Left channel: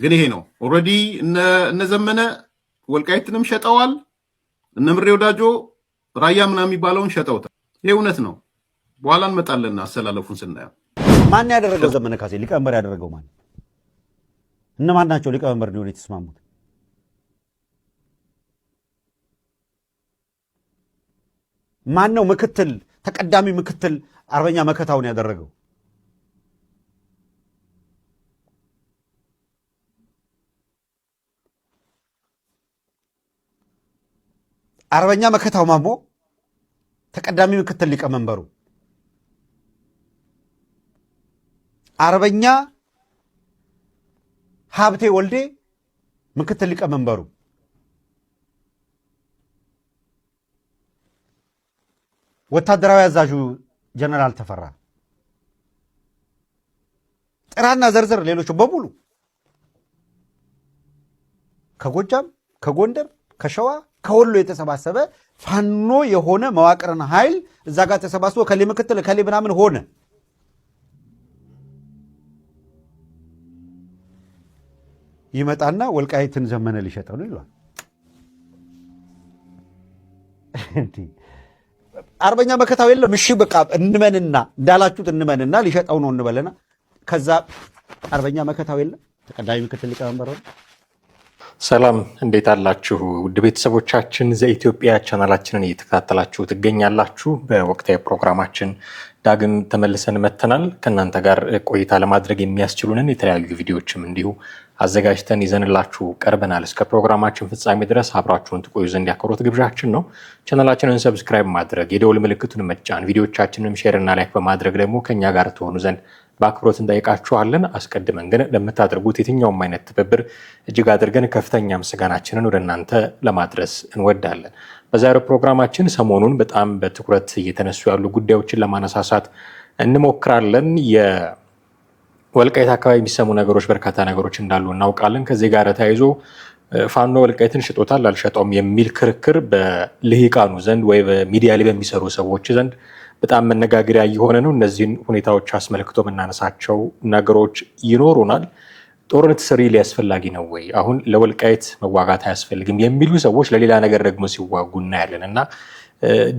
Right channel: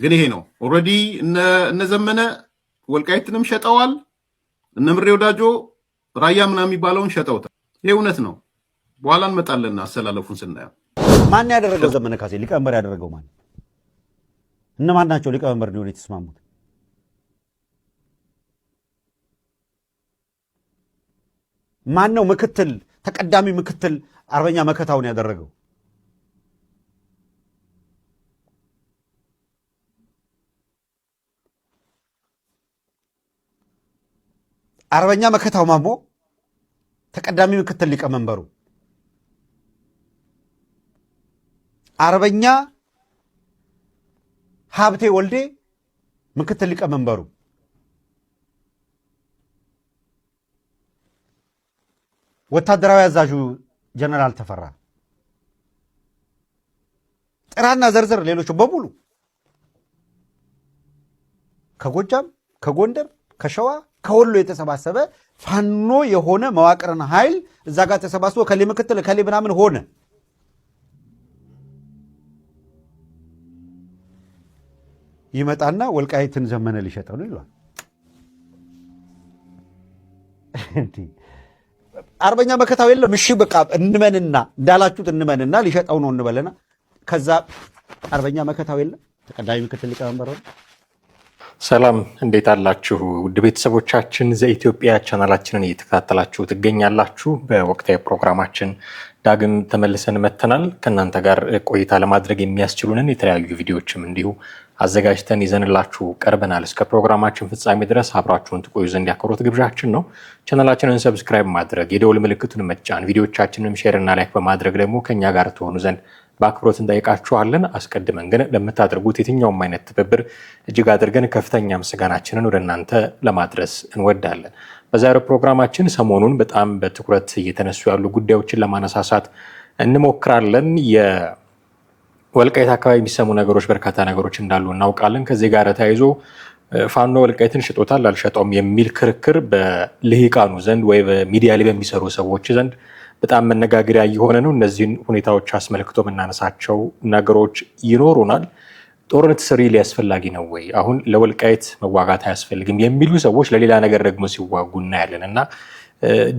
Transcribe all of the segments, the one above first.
ግን ይሄ ነው ኦልሬዲ እነ ዘመነ ወልቃይትንም ሸጠዋል። እነ ምሬ ወዳጆ ራያ ምናምን የሚባለውን ሸጠውታል። ይሄ እውነት ነው። በኋላ እንመጣለን አሰላለፉን ስናየው። ማን ያደረገው? ዘመነ ካሴ ሊቀመንበር ያደረገው ማን? እነማን ናቸው ሊቀመንበር ሊሆኑ የተስማሙት? ማን ነው ምክትል ተቀዳሚ ምክትል አርበኛ መከታውን ያደረገው? አርበኛ መከታው ማሞ ተቀዳሚ ምክትል ሊቀመንበሩ፣ አርበኛ ሀብቴ ወልዴ ምክትል ሊቀመንበሩ፣ ወታደራዊ አዛዡ ጀነራል ተፈራ፣ ጥራና ዘርዘር ሌሎቹ በሙሉ ከጎጃም፣ ከጎንደር፣ ከሸዋ፣ ከወሎ የተሰባሰበ ፋኖ የሆነ መዋቅርን ኃይል እዛ ጋር ተሰባስቦ ከሌ ምክትል ከሌ ምናምን ሆነ። ይመጣና ወልቃይትን ዘመነ ሊሸጠው ነው ይሏል። አርበኛ መከታው የለም። እሺ በቃ እንመንና እንዳላችሁት እንመንና ሊሸጠው ነው እንበለና ከዛ አርበኛ መከታው የለም ተቀዳሚ ምክትል ሊቀመንበር ነው። ሰላም እንዴት አላችሁ? ውድ ቤተሰቦቻችን ዘኢትዮጵያ ቻናላችንን እየተከታተላችሁ ትገኛላችሁ። በወቅታዊ ፕሮግራማችን ዳግም ተመልሰን መተናል። ከእናንተ ጋር ቆይታ ለማድረግ የሚያስችሉንን የተለያዩ ቪዲዮዎችም እንዲሁ አዘጋጅተን ይዘንላችሁ ቀርበናል። እስከ ፕሮግራማችን ፍጻሜ ድረስ አብራችሁን ትቆዩ ዘንድ ያክብሮት ግብዣችን ነው። ቻናላችንን ሰብስክራይብ ማድረግ፣ የደወል ምልክቱን መጫን፣ ቪዲዮቻችንን ሼር እና ላይክ በማድረግ ደግሞ ከኛ ጋር ትሆኑ ዘንድ በአክብሮት እንጠይቃችኋለን። አስቀድመን ግን ለምታደርጉት የትኛውም አይነት ትብብር እጅግ አድርገን ከፍተኛ ምስጋናችንን ወደ እናንተ ለማድረስ እንወዳለን። በዛሬው ፕሮግራማችን ሰሞኑን በጣም በትኩረት እየተነሱ ያሉ ጉዳዮችን ለማነሳሳት እንሞክራለን። የወልቃይት አካባቢ የሚሰሙ ነገሮች በርካታ ነገሮች እንዳሉ እናውቃለን። ከዚህ ጋር ተያይዞ ፋኖ ወልቃይትን ሽጦታል አልሸጠውም የሚል ክርክር በልሂቃኑ ዘንድ ወይ በሚዲያ ላይ በሚሰሩ ሰዎች ዘንድ በጣም መነጋገሪያ እየሆነ ነው። እነዚህን ሁኔታዎች አስመልክቶ የምናነሳቸው ነገሮች ይኖሩናል። ጦርነት ስሪል አስፈላጊ ነው ወይ? አሁን ለወልቃይት መዋጋት አያስፈልግም የሚሉ ሰዎች ለሌላ ነገር ደግሞ ሲዋጉ እናያለን እና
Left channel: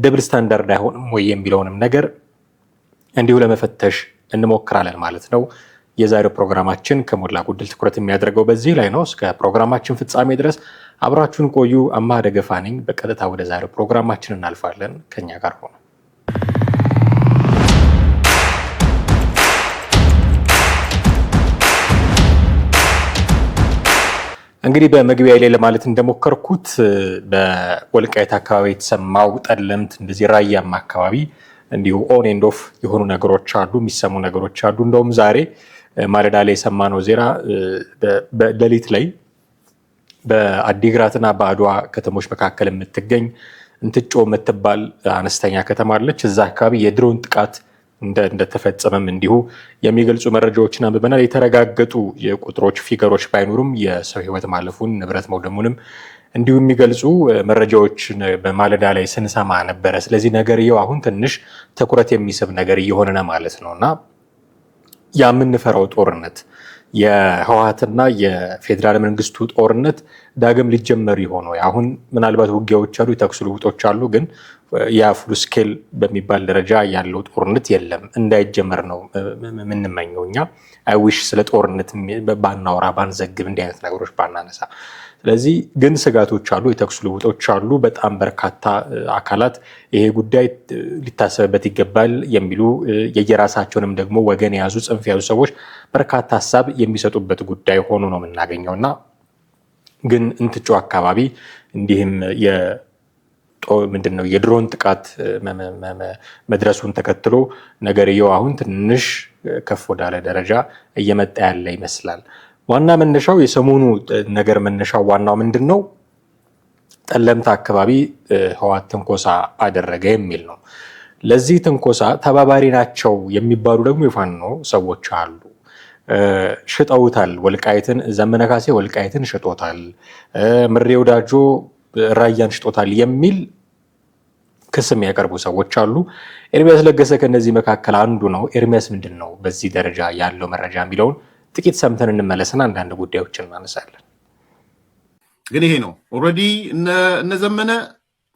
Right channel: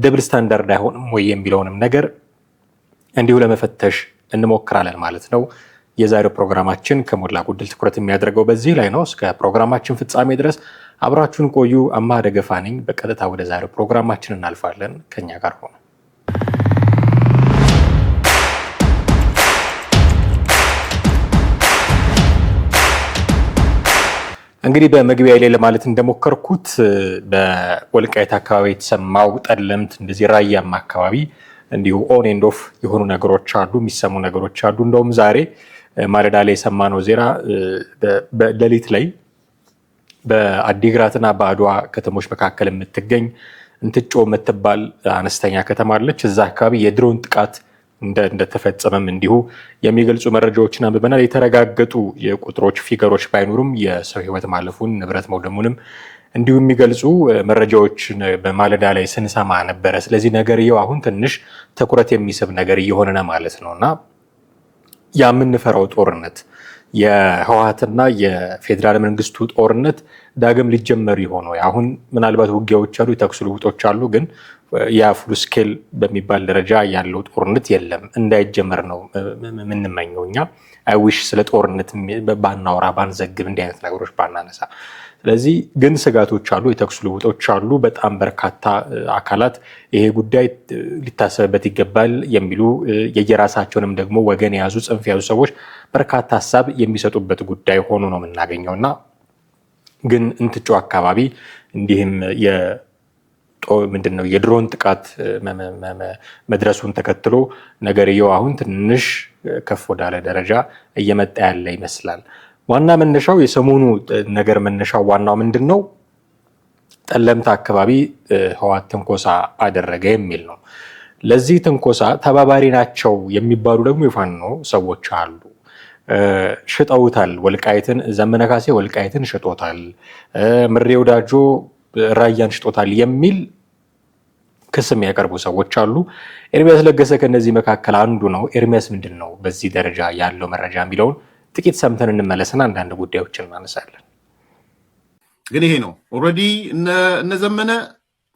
ደብል ስታንዳርድ አይሆንም ወይ የሚለውንም ነገር እንዲሁ ለመፈተሽ እንሞክራለን ማለት ነው። የዛሬው ፕሮግራማችን ከሞላ ጎደል ትኩረት የሚያደርገው በዚህ ላይ ነው። እስከ ፕሮግራማችን ፍጻሜ ድረስ አብራችሁን ቆዩ። አማሃ ደገፋ ነኝ። በቀጥታ ወደ ዛሬው ፕሮግራማችን እናልፋለን። ከኛ ጋር ሆነ። እንግዲህ በመግቢያ ላይ ለማለት እንደሞከርኩት በወልቃይት አካባቢ የተሰማው ጠለምት፣ እንደዚህ ራያም አካባቢ እንዲሁ ኦን ኤንድ ኦፍ የሆኑ ነገሮች አሉ፣ የሚሰሙ ነገሮች አሉ። እንደውም ዛሬ ማለዳ ላይ የሰማነው ዜና በሌሊት ላይ በአዲግራትና በአድዋ ከተሞች መካከል የምትገኝ እንትጮ የምትባል አነስተኛ ከተማ አለች። እዛ አካባቢ የድሮን ጥቃት እንደተፈጸመም እንዲሁ የሚገልጹ መረጃዎችን አንብበናል። የተረጋገጡ የቁጥሮች ፊገሮች ባይኖሩም የሰው ሕይወት ማለፉን ንብረት መውደሙንም እንዲሁ የሚገልጹ መረጃዎች በማለዳ ላይ ስንሰማ ነበረ። ስለዚህ ነገርየው አሁን ትንሽ ትኩረት የሚስብ ነገር እየሆነ ነው ማለት ነው እና የምንፈራው ጦርነት የህወሓትና የፌዴራል መንግስቱ ጦርነት ዳግም ሊጀመር ይሆን ወይ? አሁን ምናልባት ውጊያዎች አሉ፣ የተኩስ ልውጦች አሉ፣ ግን የፉል ስኬል በሚባል ደረጃ ያለው ጦርነት የለም። እንዳይጀመር ነው የምንመኘው እኛ። አይዊሽ ስለ ጦርነት ባናወራ ባንዘግብ፣ እንዲህ አይነት ነገሮች ባናነሳ። ስለዚህ ግን ስጋቶች አሉ፣ የተኩስ ልውጦች አሉ። በጣም በርካታ አካላት ይሄ ጉዳይ ሊታሰብበት ይገባል የሚሉ የየራሳቸውንም ደግሞ ወገን የያዙ ጽንፍ የያዙ ሰዎች በርካታ ሀሳብ የሚሰጡበት ጉዳይ ሆኖ ነው የምናገኘው እና ግን እንትጮ አካባቢ እንዲህም ምንድነው የድሮን ጥቃት መድረሱን ተከትሎ ነገርየው አሁን ትንሽ ከፍ ወዳለ ደረጃ እየመጣ ያለ ይመስላል። ዋና መነሻው የሰሞኑ ነገር መነሻው ዋናው ምንድን ነው? ጠለምት አካባቢ ህወሓት ትንኮሳ አደረገ የሚል ነው። ለዚህ ትንኮሳ ተባባሪ ናቸው የሚባሉ ደግሞ የፋኖ ሰዎች አሉ። ሽጠውታል ወልቃይትን፣ ዘመነ ካሴ ወልቃይትን ሽጦታል፣ ምሬ ወዳጆ ራያን ሽጦታል የሚል ክስ የሚያቀርቡ ሰዎች አሉ። ኤርሚያስ ለገሰ ከነዚህ መካከል አንዱ ነው። ኤርሚያስ ምንድን ነው በዚህ ደረጃ ያለው መረጃ የሚለውን ጥቂት ሰምተን እንመለስና አንዳንድ ጉዳዮችን እናነሳለን። ግን ይሄ ነው ኦልሬዲ እነ ዘመነ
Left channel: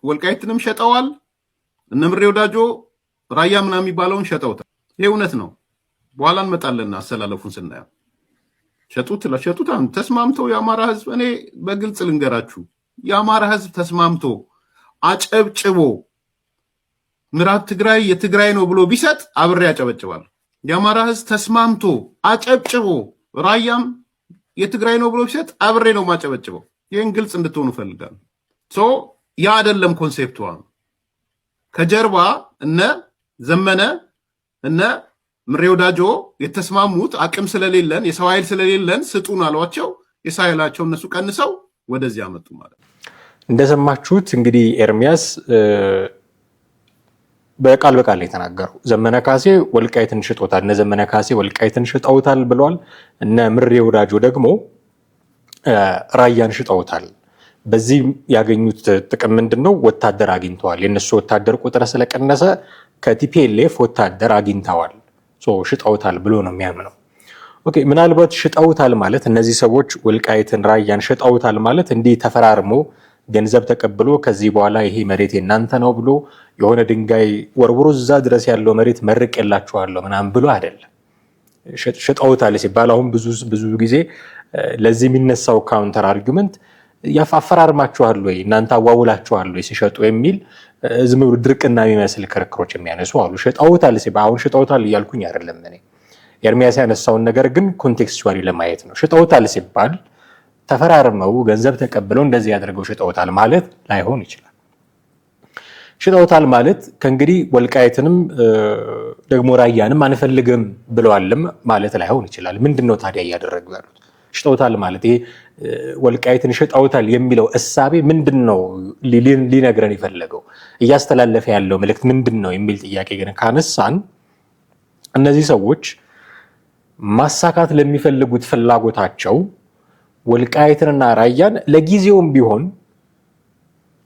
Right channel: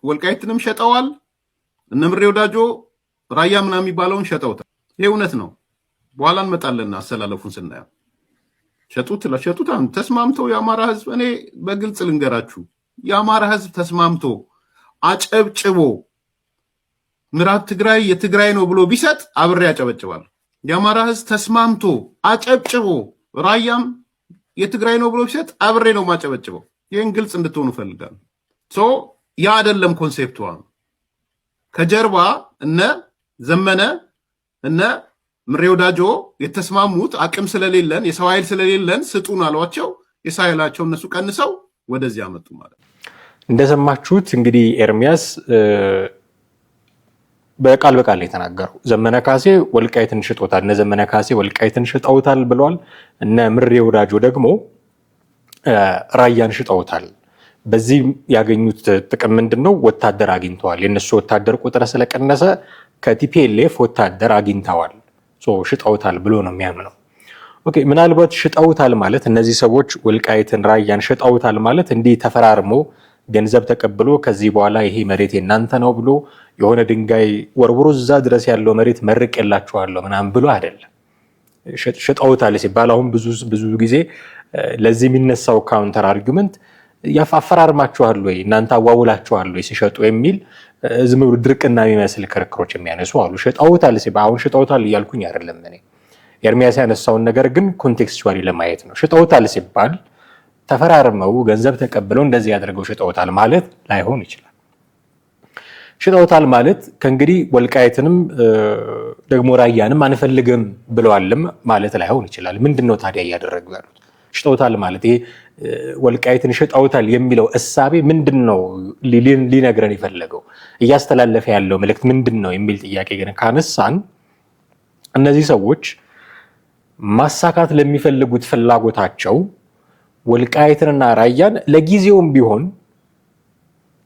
ወልቃይትንም ሸጠዋል። እነ ምሬ ወዳጆ ራያ ምናምን የሚባለውን ሸጠውታል። ይሄ እውነት ነው። በኋላ እንመጣለን አሰላለፉን ስናየው። ሸጡት ተስማምተው የአማራ ህዝብ እኔ በግልጽ ልንገራችሁ የአማራ ህዝብ ተስማምቶ አጨብጭቦ ምዕራብ ትግራይ የትግራይ ነው ብሎ ቢሰጥ አብሬ ያጨበጭባል። የአማራ ህዝብ ተስማምቶ አጨብጭቦ ራያም የትግራይ ነው ብሎ ቢሰጥ አብሬ ነው ማጨበጭበው። ይህን ግልጽ እንድትሆኑ ፈልጋለሁ። ያ አይደለም ኮንሴፕቱ። ከጀርባ እነ ዘመነ እነ ምሬ ወዳጆ የተስማሙት አቅም ስለሌለን የሰው ኃይል ስለሌለን ስጡን አሏቸው። የሰው ኃይላቸው እነሱ ቀንሰው ወደዚህ አመጡ ማለት ነው። እንደሰማችሁት እንግዲህ ኤርሚያስ በቃል በቃል የተናገረው ዘመነ ካሴ ወልቃይትን ሽጦታል፣ እነ ዘመነ ካሴ ወልቃይትን ሽጠውታል ብሏል። እነ ምሬ ወዳጆ ደግሞ ራያን ሽጠውታል። በዚህ ያገኙት ጥቅም ምንድነው? ወታደር አግኝተዋል። የነሱ ወታደር ቁጥር ስለቀነሰ ከቲፒኤልኤፍ ወታደር አግኝተዋል፣ ሽጠውታል ብሎ ነው የሚያምነው። ኦኬ፣ ምናልባት ሽጠውታል ማለት እነዚህ ሰዎች ወልቃይትን ራያን ሽጠውታል ማለት እንዲህ ተፈራርሞ ገንዘብ ተቀብሎ ከዚህ በኋላ ይሄ መሬት የናንተ ነው ብሎ የሆነ ድንጋይ ወርውሮ እዛ ድረስ ያለው መሬት መርቅ የላቸዋለሁ ምናምን ብሎ አይደለም። ሽጠውታል ሲባል አሁን ብዙ ጊዜ ለዚህ የሚነሳው ካውንተር አርጊመንት ያፈራርማቸዋል ወይ እናንተ አዋውላቸዋል ወይ ሲሸጡ የሚል ዝም ብሎ ድርቅና የሚመስል ክርክሮች የሚያነሱ አሉ። ሽጠውታል ሲባል አሁን ሽጠውታል እያልኩኝ አይደለም እኔ። ኤርሚያስ ያነሳውን ነገር ግን ኮንቴክስቹዋሊ ለማየት ነው። ሽጠውታል ሲባል ተፈራርመው ገንዘብ ተቀብለው እንደዚህ ያደርገው ሽጠውታል ማለት ላይሆን ይችላል። ሽጠውታል ማለት ከእንግዲህ ወልቃይትንም ደግሞ ራያንም አንፈልግም ብለዋልም ማለት ላይሆን ይችላል። ምንድነው ታዲያ እያደረጉ ያሉት? ሽጠውታል ማለት ይሄ ወልቃይትን ሽጠውታል የሚለው እሳቤ ምንድነው ሊነግረን የፈለገው? እያስተላለፈ ያለው መልእክት ምንድነው የሚል ጥያቄ ግን ካነሳን እነዚህ ሰዎች ማሳካት ለሚፈልጉት ፍላጎታቸው ወልቃይትንና ራያን ለጊዜውም ቢሆን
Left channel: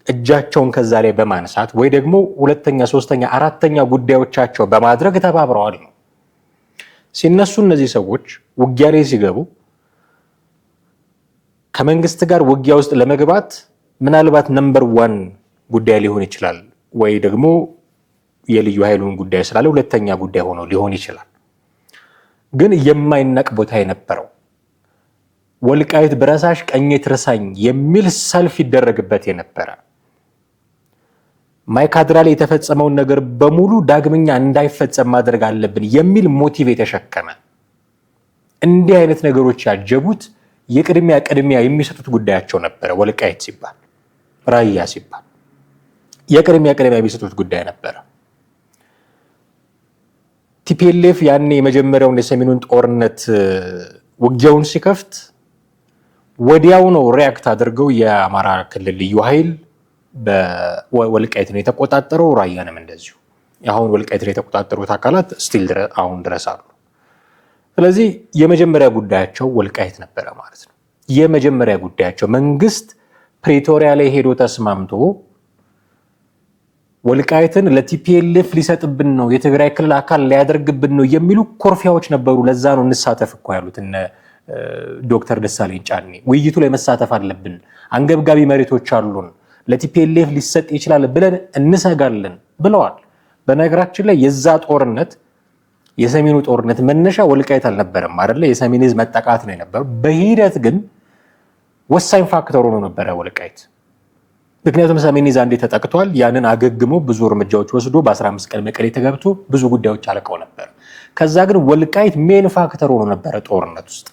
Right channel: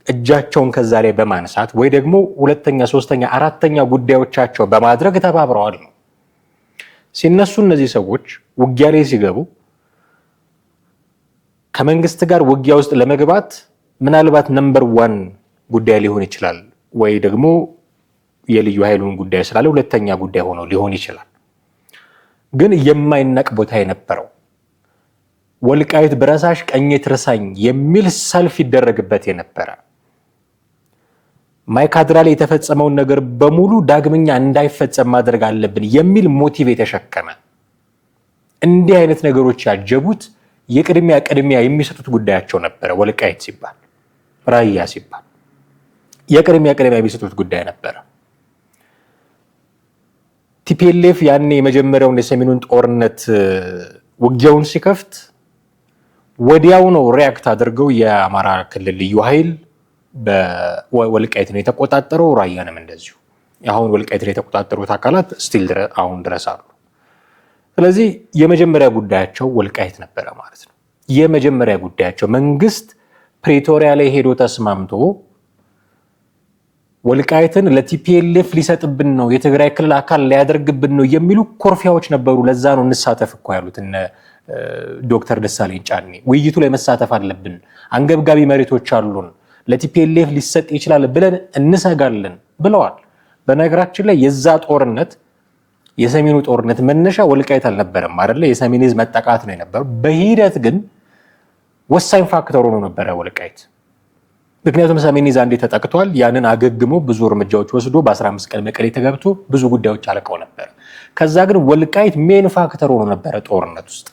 እጃቸውን ከዛ ላይ በማንሳት ወይ ደግሞ ሁለተኛ፣ ሶስተኛ፣ አራተኛ ጉዳዮቻቸው በማድረግ ተባብረዋል ነው። ሲነሱ እነዚህ ሰዎች ውጊያ ላይ ሲገቡ ከመንግስት ጋር ውጊያ ውስጥ ለመግባት ምናልባት ነምበር 1 ጉዳይ ሊሆን ይችላል፣ ወይ ደግሞ የልዩ ኃይሉን ጉዳይ ስላለ ሁለተኛ ጉዳይ ሆኖ ሊሆን ይችላል። ግን የማይናቅ ቦታ የነበረው ወልቃይት ብረሳሽ ቀኜ ትርሳኝ የሚል ሰልፍ ይደረግበት የነበረ ማይካድራ ላይ የተፈጸመውን ነገር በሙሉ ዳግመኛ እንዳይፈጸም ማድረግ አለብን የሚል ሞቲቭ የተሸከመ እንዲህ አይነት ነገሮች ያጀቡት የቅድሚያ የሚሰጡት ጉዳያቸው ነበረ። ወልቃይት ሲባል ራያ ሲባል የቅድሚያ የሚሰጡት ጉዳይ ነበረ። ቲፒኤልኤፍ ያኔ የመጀመሪያውን የሰሜኑን ጦርነት ውጊያውን ሲከፍት ወዲያው ነው ሪያክት አድርገው የአማራ ክልል ልዩ ኃይል በወልቃይትን የተቆጣጠረው፣ ራያንም እንደዚሁ። አሁን ወልቃይትን የተቆጣጠሩት አካላት ስቲል አሁን ድረስ አሉ። ስለዚህ የመጀመሪያ ጉዳያቸው ወልቃይት ነበረ ማለት ነው። የመጀመሪያ ጉዳያቸው መንግስት ፕሪቶሪያ ላይ ሄዶ ተስማምቶ ወልቃይትን ለቲፒኤልኤፍ ሊሰጥብን ነው፣ የትግራይ ክልል አካል ሊያደርግብን ነው የሚሉ ኮርፊያዎች ነበሩ። ለዛ ነው እንሳተፍ እኮ ያሉት እነ ዶክተር ደሳለኝ ጫኔ። ውይይቱ ላይ መሳተፍ አለብን፣ አንገብጋቢ መሬቶች አሉን፣ ለቲፒኤልኤፍ ሊሰጥ ይችላል ብለን እንሰጋለን ብለዋል። በነገራችን ላይ የዛ ጦርነት የሰሜኑ ጦርነት መነሻ ወልቃይት አልነበረም አይደለ? የሰሜን ህዝብ መጠቃት ነው የነበረው። በሂደት ግን ወሳኝ ፋክተር ሆኖ ነበረ ወልቃይት። ምክንያቱም ሰሜን ዕዝ አንዴ ተጠቅቷል። ያንን አገግሞ ብዙ እርምጃዎች ወስዶ በ15 ቀን መቀሌ ተገብቶ ብዙ ጉዳዮች አልቀው ነበር። ከዛ ግን ወልቃይት ሜን ፋክተር ሆኖ ነበረ ጦርነት ውስጥ።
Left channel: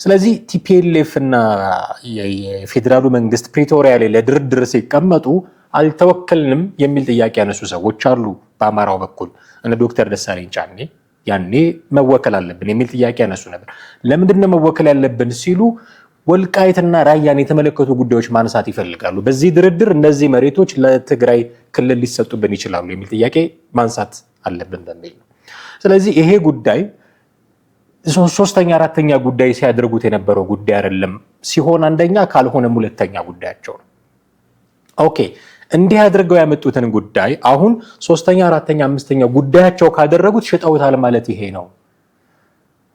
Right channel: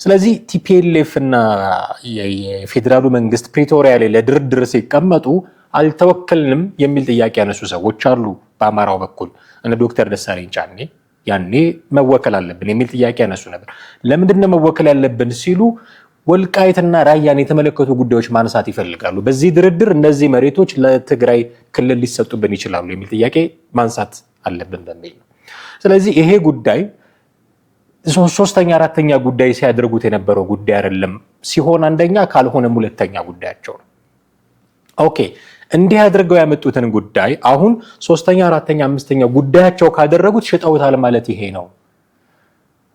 ስለዚህ ቲፒኤልኤፍ እና የፌዴራሉ መንግስት ፕሪቶሪያ ላይ ለድርድር ሲቀመጡ አልተወከልንም የሚል ጥያቄ ያነሱ ሰዎች አሉ። በአማራው በኩል እነ ዶክተር ደሳለኝ ጫኔ ያኔ መወከል አለብን የሚል ጥያቄ ያነሱ ነበር። ለምንድነው መወከል ያለብን ሲሉ ወልቃይትና ራያን የተመለከቱ ጉዳዮች ማንሳት ይፈልጋሉ። በዚህ ድርድር እነዚህ መሬቶች ለትግራይ ክልል ሊሰጡብን ይችላሉ የሚል ጥያቄ ማንሳት አለብን በሚል ነው። ስለዚህ ይሄ ጉዳይ ሶስተኛ አራተኛ ጉዳይ ሲያደርጉት የነበረው ጉዳይ አይደለም። ሲሆን አንደኛ ካልሆነም ሁለተኛ ጉዳያቸው ነው። ኦኬ፣ እንዲህ አድርገው ያመጡትን ጉዳይ አሁን ሶስተኛ አራተኛ አምስተኛ ጉዳያቸው ካደረጉት ሽጠውታል ማለት ይሄ ነው።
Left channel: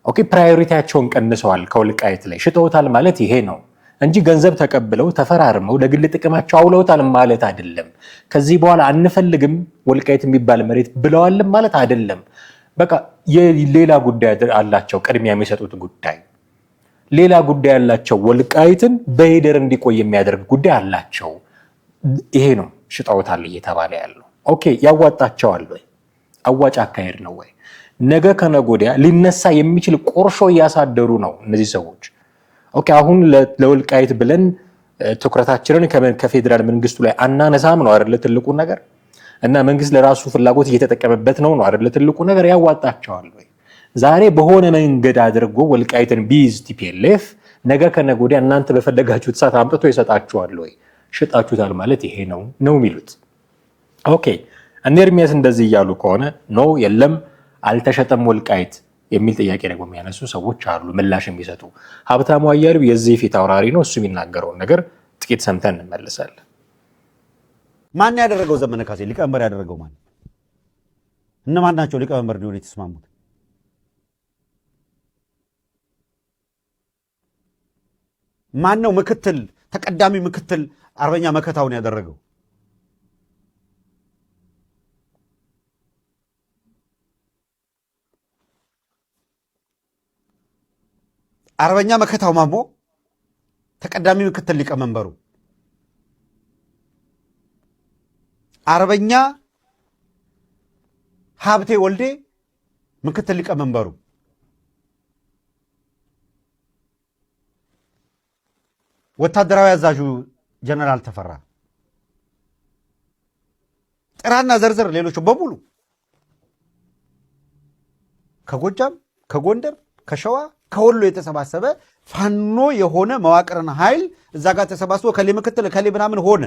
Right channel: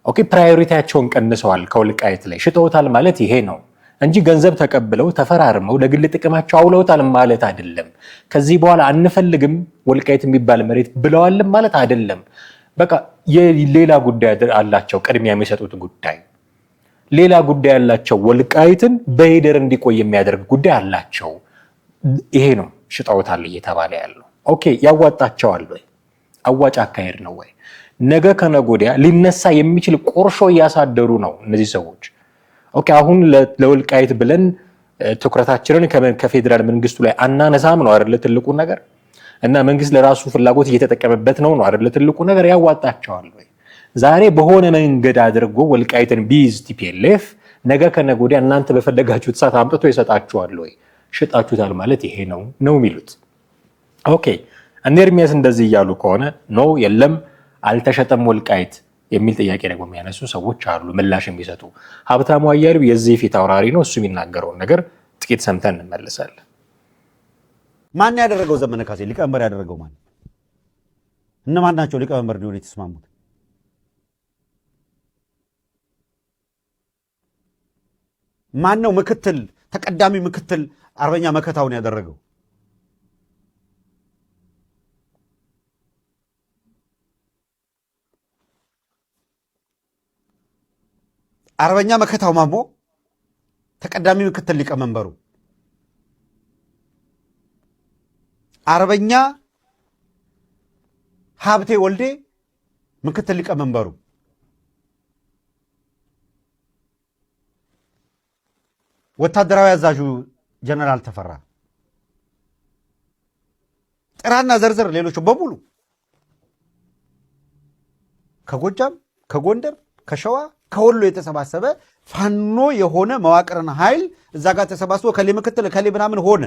ኦኬ ፕራዮሪቲያቸውን ቀንሰዋል ከወልቃይት ላይ ሽጠውታል ማለት ይሄ ነው እንጂ ገንዘብ ተቀብለው ተፈራርመው ለግል ጥቅማቸው አውለውታል ማለት አይደለም። ከዚህ በኋላ አንፈልግም ወልቃይት የሚባል መሬት ብለዋል ማለት አይደለም። በቃ የሌላ ጉዳይ አላቸው፣ ቅድሚያ የሚሰጡት ጉዳይ ሌላ ጉዳይ አላቸው። ወልቃይትን በሄደር እንዲቆይ የሚያደርግ ጉዳይ አላቸው። ይሄ ነው ሽጠውታል እየተባለ ያለው። ኦኬ ያዋጣቸዋል ወይ? አዋጭ አካሄድ ነው ወይ? ነገ ከነገ ወዲያ ሊነሳ የሚችል ቁርሾ እያሳደሩ ነው እነዚህ ሰዎች። ኦኬ አሁን ለወልቃይት ብለን ትኩረታችንን ከፌዴራል መንግስቱ ላይ አናነሳም ነው አይደለ ትልቁ ነገር? እና መንግስት ለራሱ ፍላጎት እየተጠቀመበት ነው አይደለ ትልቁ ነገር? ያዋጣቸዋል ወይ? ዛሬ በሆነ መንገድ አድርጎ ወልቃይትን ቢይዝ ቲፒኤልኤፍ ነገ ከነገ ወዲያ እናንተ በፈለጋችሁት ሰዓት አምጥቶ ይሰጣችኋል ወይ? ሽጣችሁታል ማለት ይሄ ነው የሚሉት። ኦኬ እነ ኤርሚያስ እንደዚህ እያሉ ከሆነ ኖ የለም አልተሸጠም ወልቃይት የሚል ጥያቄ ደግሞ የሚያነሱ ሰዎች አሉ፣ ምላሽ የሚሰጡ። ሀብታሙ አያሌው የዚህ ፊት አውራሪ ነው። እሱ የሚናገረውን ነገር ጥቂት ሰምተን እንመለሳለን። ማን ያደረገው? ዘመነ ካሴ ሊቀመንበር ያደረገው ማን? እነማን ናቸው ሊቀመንበር እንዲሆኑ የተስማሙት? ማን ነው ምክትል ተቀዳሚ ምክትል አርበኛ መከታውን ያደረገው? አርበኛ መከታው ማሞ ተቀዳሚ ምክትል ሊቀመንበሩ፣ አርበኛ ሀብቴ ወልዴ ምክትል ሊቀመንበሩ፣ ወታደራዊ አዛዡ ጀነራል ተፈራ፣ ጥራና ዘርዘር ሌሎቹ በሙሉ ከጎጃም፣ ከጎንደር፣ ከሸዋ፣ ከወሎ የተሰባሰበ ፋኖ የሆነ መዋቅርና ኃይል እዛ ጋር ተሰባስቦ ከሌ ምክትል ከሌ ምናምን ሆነ።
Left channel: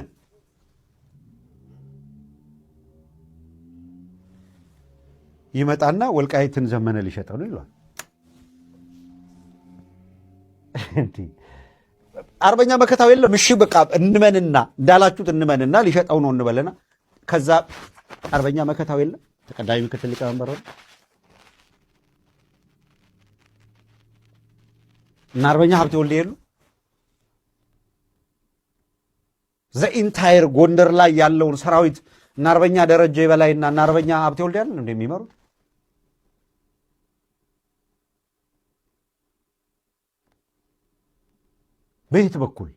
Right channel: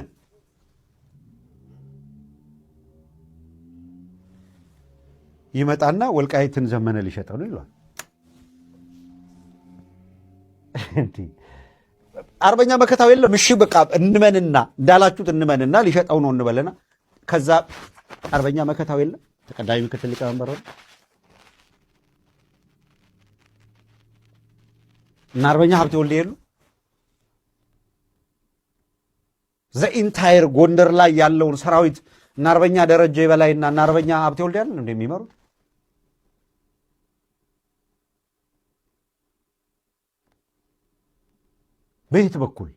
ይመጣና ወልቃይትን ዘመነ ሊሸጠው ነው ይሏል። አርበኛ መከታው የለም። እሺ በቃ እንመንና እንዳላችሁት እንመንና ሊሸጠው ነው እንበለና ከዛ አርበኛ መከታው የለም ተቀዳሚ ምክትል ሊቀመንበር ሆነ እና አርበኛ ሀብቴ ወልዴ የሉ። ዘኢንታየር ጎንደር ላይ ያለውን ሰራዊት እና አርበኛ ደረጀ በላይና እና አርበኛ ሀብቴ ወልዴ ያለን እንደሚመሩት በየት በኩል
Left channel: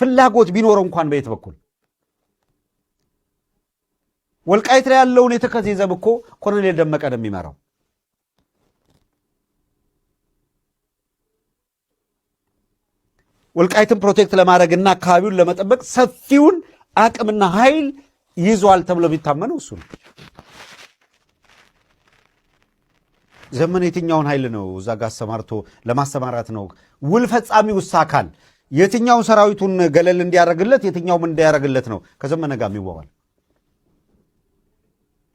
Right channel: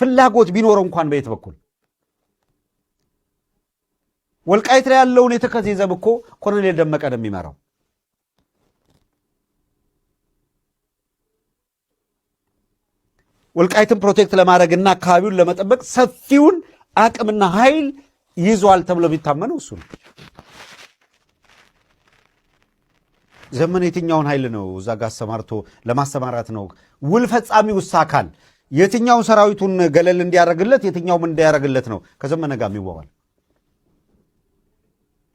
ፍላጎት ቢኖረው እንኳን በየት በኩል ወልቃይት ላይ ያለውን የተከዜ ዘብ እኮ ኮሎኔል ደመቀ ነው የሚመራው። ወልቃይትን ፕሮቴክት ለማድረግና አካባቢውን ለመጠበቅ ሰፊውን አቅምና ኃይል ይዟል ተብሎ የሚታመነው እሱ ነው። ዘመነ የትኛውን ኃይል ነው እዛ ጋር አሰማርቶ ለማሰማራት ነው? ውል ፈጻሚ ውሳ አካል የትኛውን ሰራዊቱን ገለል እንዲያደርግለት የትኛውም እንዲያደርግለት ነው ከዘመነ ጋር የሚዋዋል?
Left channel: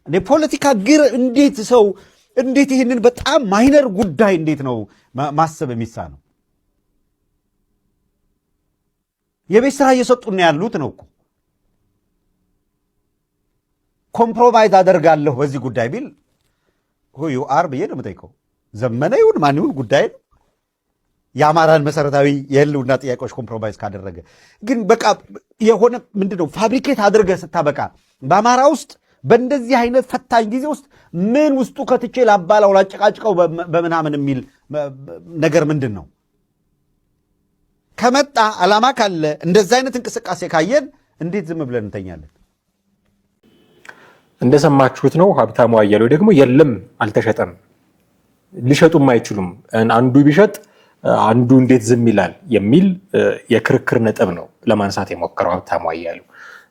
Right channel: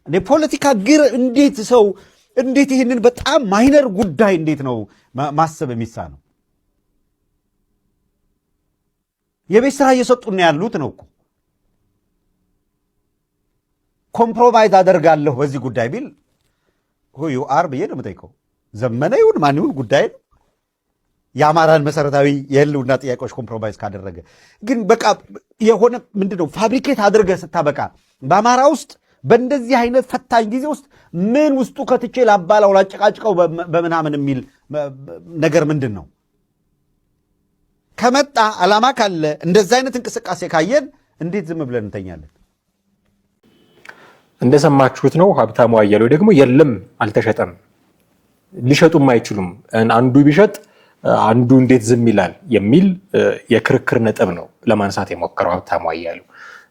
እኔ ፖለቲካ ግር እንዴት ሰው እንዴት ይህንን በጣም ማይነር ጉዳይ እንዴት ነው ማሰብ የሚሳነው? የቤት ስራ እየሰጡን ያሉት ነው እኮ። ኮምፕሮማይዝ አደርጋለሁ በዚህ ጉዳይ ቢል ሆዩ አር ብዬ ነው የምጠይቀው። ዘመነ ይሁን ማን ይሁን ጉዳይ ነው። የአማራን መሰረታዊ የህልውና ጥያቄዎች ኮምፕሮማይዝ ካደረገ ግን በቃ የሆነ ምንድነው ፋብሪኬት አድርገህ ስታበቃ በአማራ ውስጥ በእንደዚህ አይነት ፈታኝ ጊዜ ውስጥ ምን ውስጡ ከትቼ ላባላው ላጨቃጭቀው በምናምን የሚል ነገር ምንድን ነው? ከመጣ ዓላማ ካለ እንደዚህ አይነት እንቅስቃሴ ካየን እንዴት ዝም ብለን እንተኛለን? እንደሰማችሁት ነው። ሀብታሙ አያሌው ደግሞ የለም አልተሸጠም፣ ሊሸጡም አይችሉም፣ አንዱ ቢሸጥ አንዱ እንዴት ዝም ይላል የሚል የክርክር ነጥብ ነው ለማንሳት የሞከረው ሀብታሙ አያሌው።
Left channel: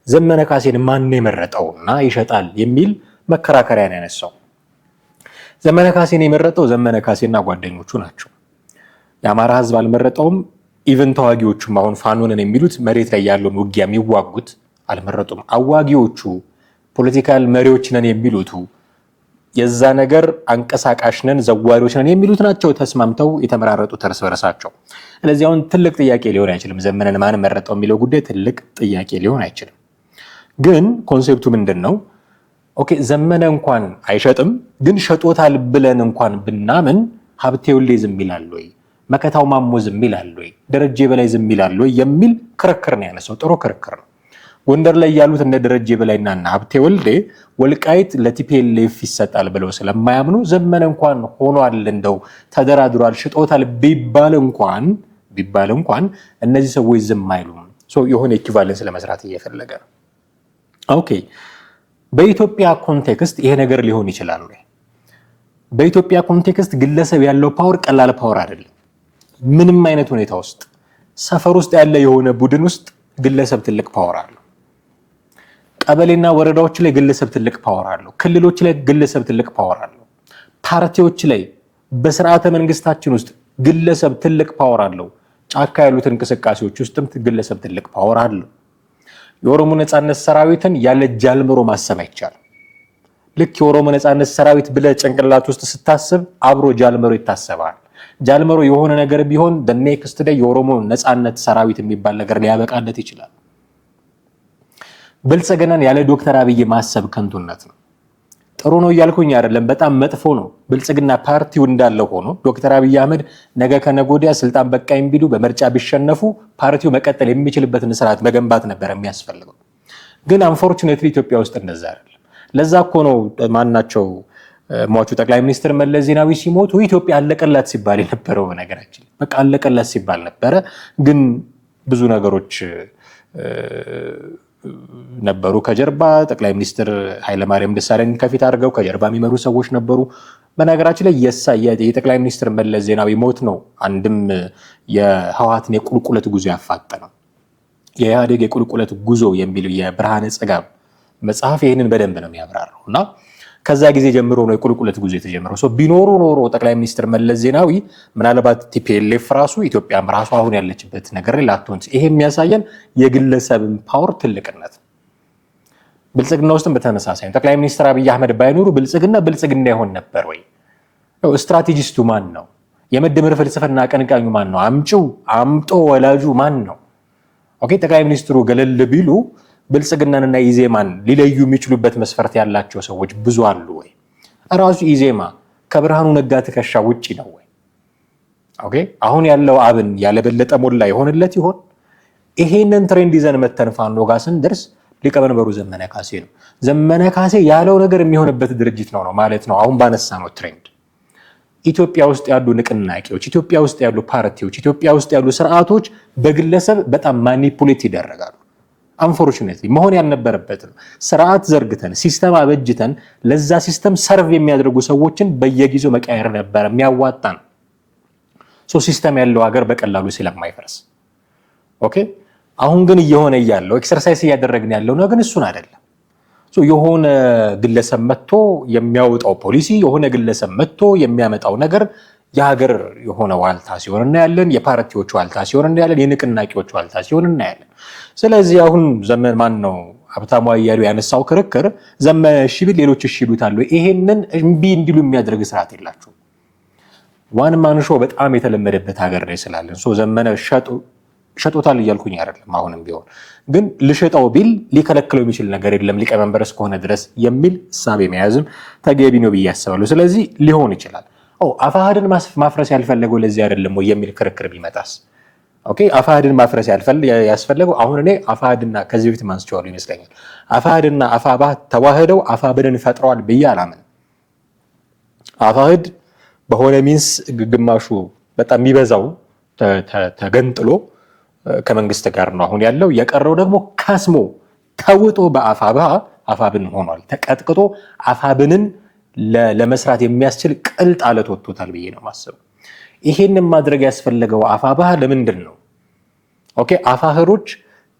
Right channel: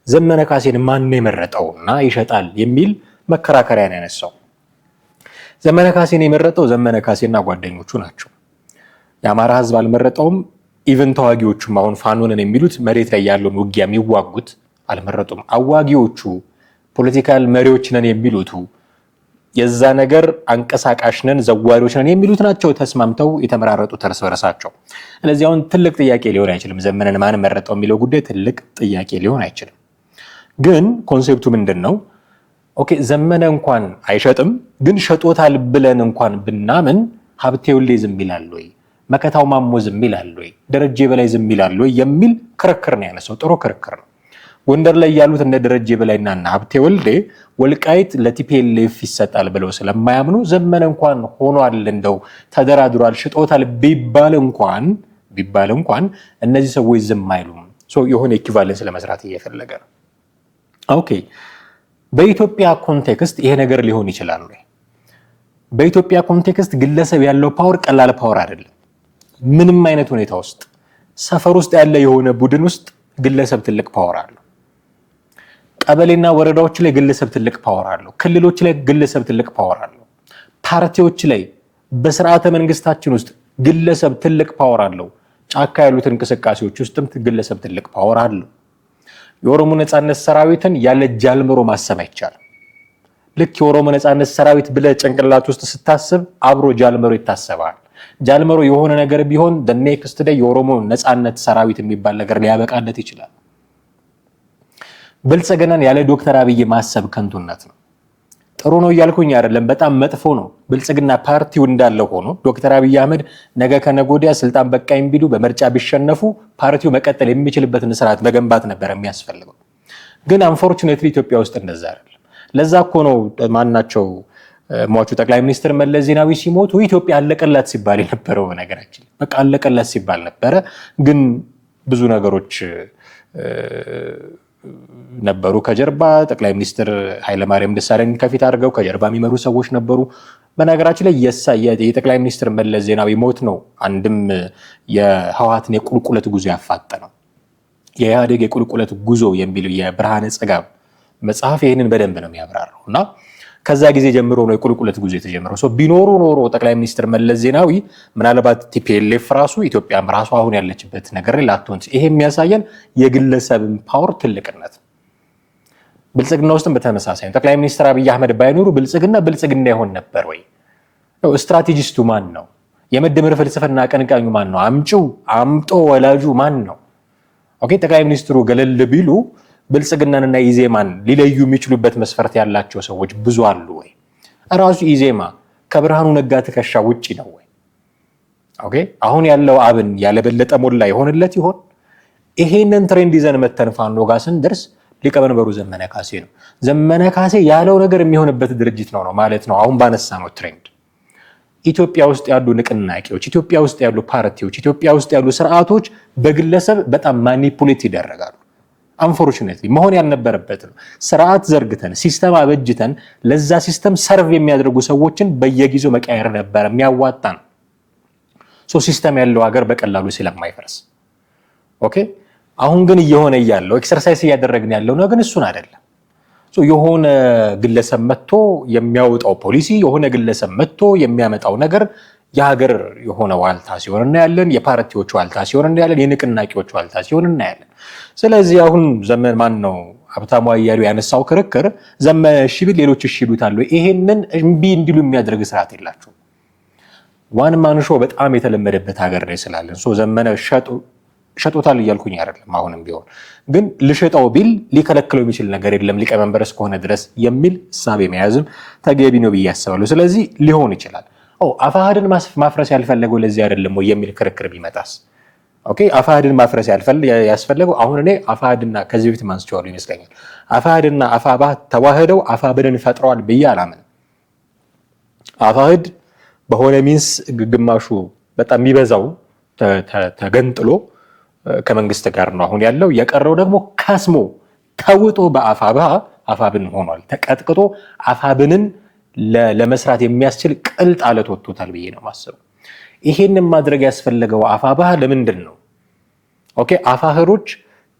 ዘመነ ካሴን ማን ነው የመረጠውና ይሸጣል የሚል መከራከሪያ ነው ያነሳው። ዘመነ ካሴን የመረጠው ዘመነ ካሴና ጓደኞቹ ናቸው። የአማራ ህዝብ አልመረጠውም። ኢቨን ተዋጊዎቹም አሁን ፋኖንን የሚሉት መሬት ላይ ያለውን ውጊያ የሚዋጉት አልመረጡም። አዋጊዎቹ ፖለቲካል መሪዎች ነን የሚሉቱ የዛ ነገር አንቀሳቃሽ ነን ዘዋሪዎች ነን የሚሉት ናቸው ተስማምተው የተመራረጡት እርስ በርሳቸው። ስለዚህ አሁን ትልቅ ጥያቄ ሊሆን አይችልም። ዘመነን ማን መረጠው የሚለው ጉዳይ ትልቅ ጥያቄ ሊሆን አይችልም። ግን ኮንሴፕቱ ምንድን ነው? ኦኬ ዘመነ እንኳን አይሸጥም፣ ግን ሸጦታል ብለን እንኳን ብናምን ሀብቴ ወልዴ ዝም ይላል ወይ? መከታው ማሞ ዝም ይላል ወይ? ደረጀ በላይ ዝም ይላል ወይ? የሚል ክርክር ነው ያነሳው። ጥሩ ክርክር ነው። ጎንደር ላይ ያሉት እነ ደረጀ በላይና እና ሀብቴ ወልዴ ወልቃይት ለቲፒኤልኤፍ ይሰጣል ብለው ስለማያምኑ ዘመነ እንኳን ሆኗል እንደው ተደራድሯል ሽጦታል ቢባል እንኳን እነዚህ ሰዎች ዝም አይሉም። የሆነ ኢኩቫለንስ ለመስራት እየፈለገ ነው። ኦኬ በኢትዮጵያ ኮንቴክስት ይሄ ነገር ሊሆን ይችላል ወይ? በኢትዮጵያ ኮንቴክስት ግለሰብ ያለው ፓወር ቀላል ፓወር አይደለም። ምንም አይነት ሁኔታ ውስጥ ሰፈር ውስጥ ያለ የሆነ ቡድን ውስጥ ግለሰብ ትልቅ ፓወር አለው። ቀበሌና ወረዳዎች ላይ ግለሰብ ትልቅ ፓወር አለው። ክልሎች ላይ ግለሰብ ትልቅ ፓወር አለው። ፓርቲዎች ላይ በስርዓተ መንግስታችን ውስጥ ግለሰብ ትልቅ ፓወር አለው። ጫካ ያሉት እንቅስቃሴዎች ውስጥም ግለሰብ ትልቅ ፓወር አለው። የኦሮሞ ነፃነት ሰራዊትን ያለ ጃልመሮ ማሰብ አይቻልም። ልክ የኦሮሞ ነፃነት ሰራዊት ብለህ ጭንቅላት ውስጥ ስታስብ አብሮ ጃልመሮ ይታሰባል። ጃልመሮ የሆነ ነገር ቢሆን ኔክስት ዴይ የኦሮሞ ነፃነት ሰራዊት የሚባል ነገር ሊያበቃለት ይችላል። ብልጽግናን ያለ ዶክተር አብይ ማሰብ ከንቱነት ነው። ጥሩ ነው እያልኩኝ አይደለም፣ በጣም መጥፎ ነው። ብልጽግና ፓርቲው እንዳለ ሆኖ ዶክተር አብይ አህመድ ነገ ከነገ ወዲያ ስልጣን በቃኝ ቢሉ በምርጫ ቢሸነፉ ፓርቲው መቀጠል የሚችልበትን ስርዓት መገንባት ነበር የሚያስፈልገው። ግን አንፎርቹኔትሊ ኢትዮጵያ ውስጥ እንደዛ አይደለም። ለዛ እኮ ነው ማናቸው ሟቹ ጠቅላይ ሚኒስትር መለስ ዜናዊ ሲሞቱ ኢትዮጵያ አለቀላት ሲባል የነበረው። በነገራችን በቃ አለቀላት ሲባል ነበረ። ግን ብዙ ነገሮች ነበሩ ከጀርባ። ጠቅላይ ሚኒስትር ኃይለማርያም ደሳለኝ ከፊት አድርገው ከጀርባ የሚመሩ ሰዎች ነበሩ። በነገራችን ላይ የጠቅላይ ሚኒስትር መለስ ዜናዊ ሞት ነው አንድም የህወሓትን የቁልቁለት ጉዞ ያፋጠነው። የኢህአዴግ የቁልቁለት ጉዞ የሚለው የብርሃነ ጽጋብ መጽሐፍ ይህንን በደንብ ነው የሚያብራራው። እና ከዛ ጊዜ ጀምሮ ነው የቁልቁለት ጉዞ የተጀመረው። ቢኖሩ ኖሮ ጠቅላይ ሚኒስትር መለስ ዜናዊ ምናልባት ቲፒኤልኤፍ ራሱ ኢትዮጵያም ራሱ አሁን ያለችበት ነገር ላይ ላትሆን። ይሄ የሚያሳየን የግለሰብን ፓወር ትልቅነት። ብልጽግና ውስጥም በተመሳሳይ ጠቅላይ ሚኒስትር አብይ አህመድ ባይኖሩ ብልጽግና ይሆን ነበር ወይ? ስትራቴጂስቱ ማን ነው? የመደመር ፍልስፍና አቀንቃኙ ማን ነው? አምጦ ወላጁ ማን ነው? ኦኬ ጠቅላይ ሚኒስትሩ ገለል ቢሉ ብልጽግናንና ኢዜማን ሊለዩ የሚችሉበት መስፈርት ያላቸው ሰዎች ብዙ አሉ ወይ? ራሱ ኢዜማ ከብርሃኑ ነጋ ትከሻ ውጪ ነው ወይ? ኦኬ አሁን ያለው አብን ያለበለጠ ሞላ የሆነለት ይሆን? ይሄንን ትሬንድ ይዘን መተን ፋኖ ጋር ስንደርስ ሊቀመንበሩ ዘመነ ካሴ ነው። ዘመነ ካሴ ያለው ነገር የሚሆንበት ድርጅት ነው ማለት ነው። አሁን ባነሳ ነው ትሬንድ ኢትዮጵያ ውስጥ ያሉ ንቅናቄዎች፣ ኢትዮጵያ ውስጥ ያሉ ፓርቲዎች፣ ኢትዮጵያ ውስጥ ያሉ ስርዓቶች በግለሰብ በጣም ማኒፑሌት ይደረጋሉ። አንፎርቹኔትሊ መሆን ያልነበረበት ነው። ስርዓት ዘርግተን ሲስተም አበጅተን ለዛ ሲስተም ሰርቭ የሚያደርጉ ሰዎችን በየጊዜው መቀየር ነበር የሚያዋጣን። ሲስተም ያለው ሀገር በቀላሉ ስለማይፈርስ። ኦኬ አሁን ግን እየሆነ ያለው ኤክሰርሳይዝ እያደረግን ያለው ነው፣ ግን እሱን አይደለም። የሆነ ግለሰብ መጥቶ የሚያወጣው ፖሊሲ፣ የሆነ ግለሰብ መጥቶ የሚያመጣው ነገር የሀገር የሆነ ዋልታ ሲሆን እናያለን። የፓርቲዎች ዋልታ ሲሆን እናያለን። የንቅናቄዎች ዋልታ ሲሆን እናያለን። ስለዚህ አሁን ዘመን ማን ነው ሀብታሙ አያሌው ያነሳው ክርክር ዘመነ እሺ ቢል ሌሎች እሺ ይሉታል። ይሄንን እምቢ እንዲሉ የሚያደርግ ስርዓት የላቸው። ዋን ማን ሾው በጣም የተለመደበት ሀገር ላይ ስላለን ዘመነ ሸጦታል እያልኩኝ አይደለም። አሁንም ቢሆን ግን ልሸጠው ቢል ሊከለክለው የሚችል ነገር የለም ሊቀመንበር እስከሆነ ድረስ የሚል እሳቤ መያዝም ተገቢ ነው ብዬ አስባለሁ። ስለዚህ ሊሆን ይችላል። አፋሕድን ማፍረስ ያልፈለገው ለዚህ አይደለም ወይ የሚል ክርክር ቢመጣስ? ኦኬ አፋሕድን ማፍረስ ያስፈለገው አሁን እኔ አፋሕድና ከዚህ በፊት ማንስቸዋለሁ ይመስለኛል። አፋሕድና አፋብኃ ተዋህደው አፋብንን ፈጥረዋል ብዬ አላምንም። አፋሕድ በሆነ ሚንስ ግማሹ በጣም የሚበዛው ተገንጥሎ ከመንግስት ጋር ነው አሁን ያለው። የቀረው ደግሞ ካስሞ ተውጦ በአፋብኃ አፋብን ሆኗል። ተቀጥቅጦ አፋብንን ለመስራት የሚያስችል ቅልጥ አለት ወጥቶታል ብዬ ነው ማሰብ። ይሄንን ማድረግ ያስፈለገው አፋብኃ ለምንድን ነው? ኦኬ አፋሕዶች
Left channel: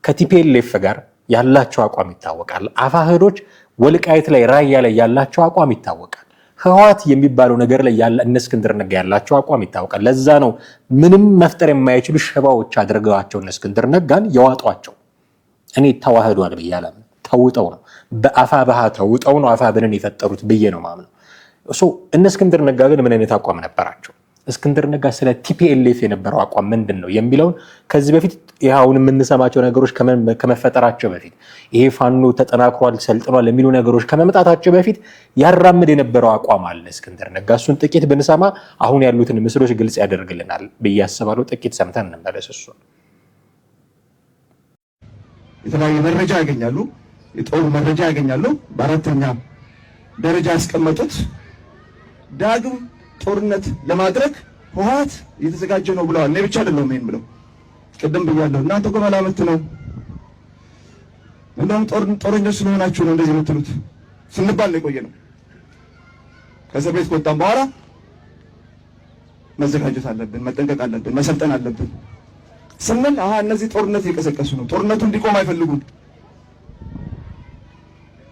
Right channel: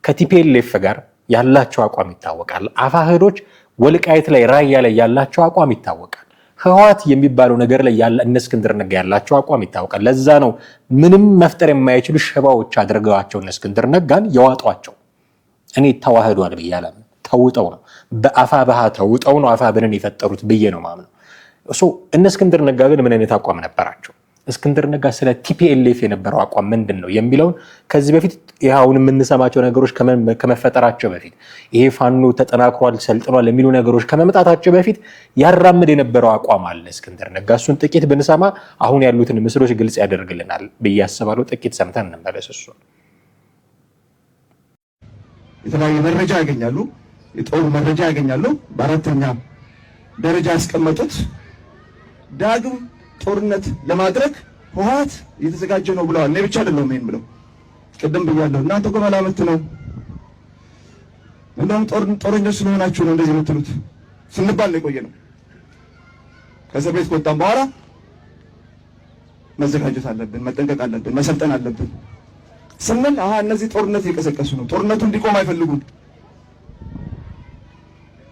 ከቲፒኤልኤፍ ጋር ያላቸው አቋም ይታወቃል። አፋሕዶች ወልቃይት ላይ ራያ ላይ ያላቸው አቋም ይታወቃል። ህወሓት የሚባለው ነገር ላይ እነ እስክንድር ነጋ ያላቸው አቋም ይታወቃል። ለዛ ነው ምንም መፍጠር የማይችሉ ሽባዎች አድርገዋቸው እነ እስክንድር ነጋን የዋጧቸው። እኔ ተዋህዷል ብዬ አላምንም። ተውጠው ነው በአፋብኃ ተውጠው ነው አፋብንን የፈጠሩት ብዬ ነው ማምነው። እነ እስክንድር ነጋ ግን ምን አይነት አቋም ነበራቸው? እስክንድር ነጋ ስለ ቲፒኤልኤፍ የነበረው አቋም ምንድን ነው የሚለውን ከዚህ በፊት አሁን የምንሰማቸው ነገሮች ከመፈጠራቸው በፊት ይሄ ፋኖ ተጠናክሯል ሰልጥኗል የሚሉ ነገሮች ከመምጣታቸው በፊት ያራምድ የነበረው አቋም አለ እስክንድር ነጋ። እሱን ጥቂት ብንሰማ አሁን ያሉትን ምስሎች ግልጽ ያደርግልናል ብዬ አስባለሁ። ጥቂት ሰምተን እንመለስ። እሱ የተለያየ መረጃ ያገኛሉ፣ የጦር መረጃ ያገኛሉ። በአራተኛ ደረጃ ያስቀመጡት ዳግም ጦርነት ለማድረግ ህወሓት እየተዘጋጀ ነው ብለዋል። እኔ ብቻ አይደለሁም ይሄን ብለው ቅድም ብያለሁ። እናንተ እኮ መላምት ነው፣ እንደውም ጦረኞች ስለሆናችሁ ነው እንደዚህ የምትሉት ስንባል ነው የቆየ ነው። ከእስር ቤት ከወጣን በኋላ መዘጋጀት አለብን፣ መጠንቀቅ አለብን፣ መሰልጠን አለብን ስንል እነዚህ ጦርነት እየቀሰቀሱ ነው፣ ጦርነቱ እንዲቆም አይፈልጉም።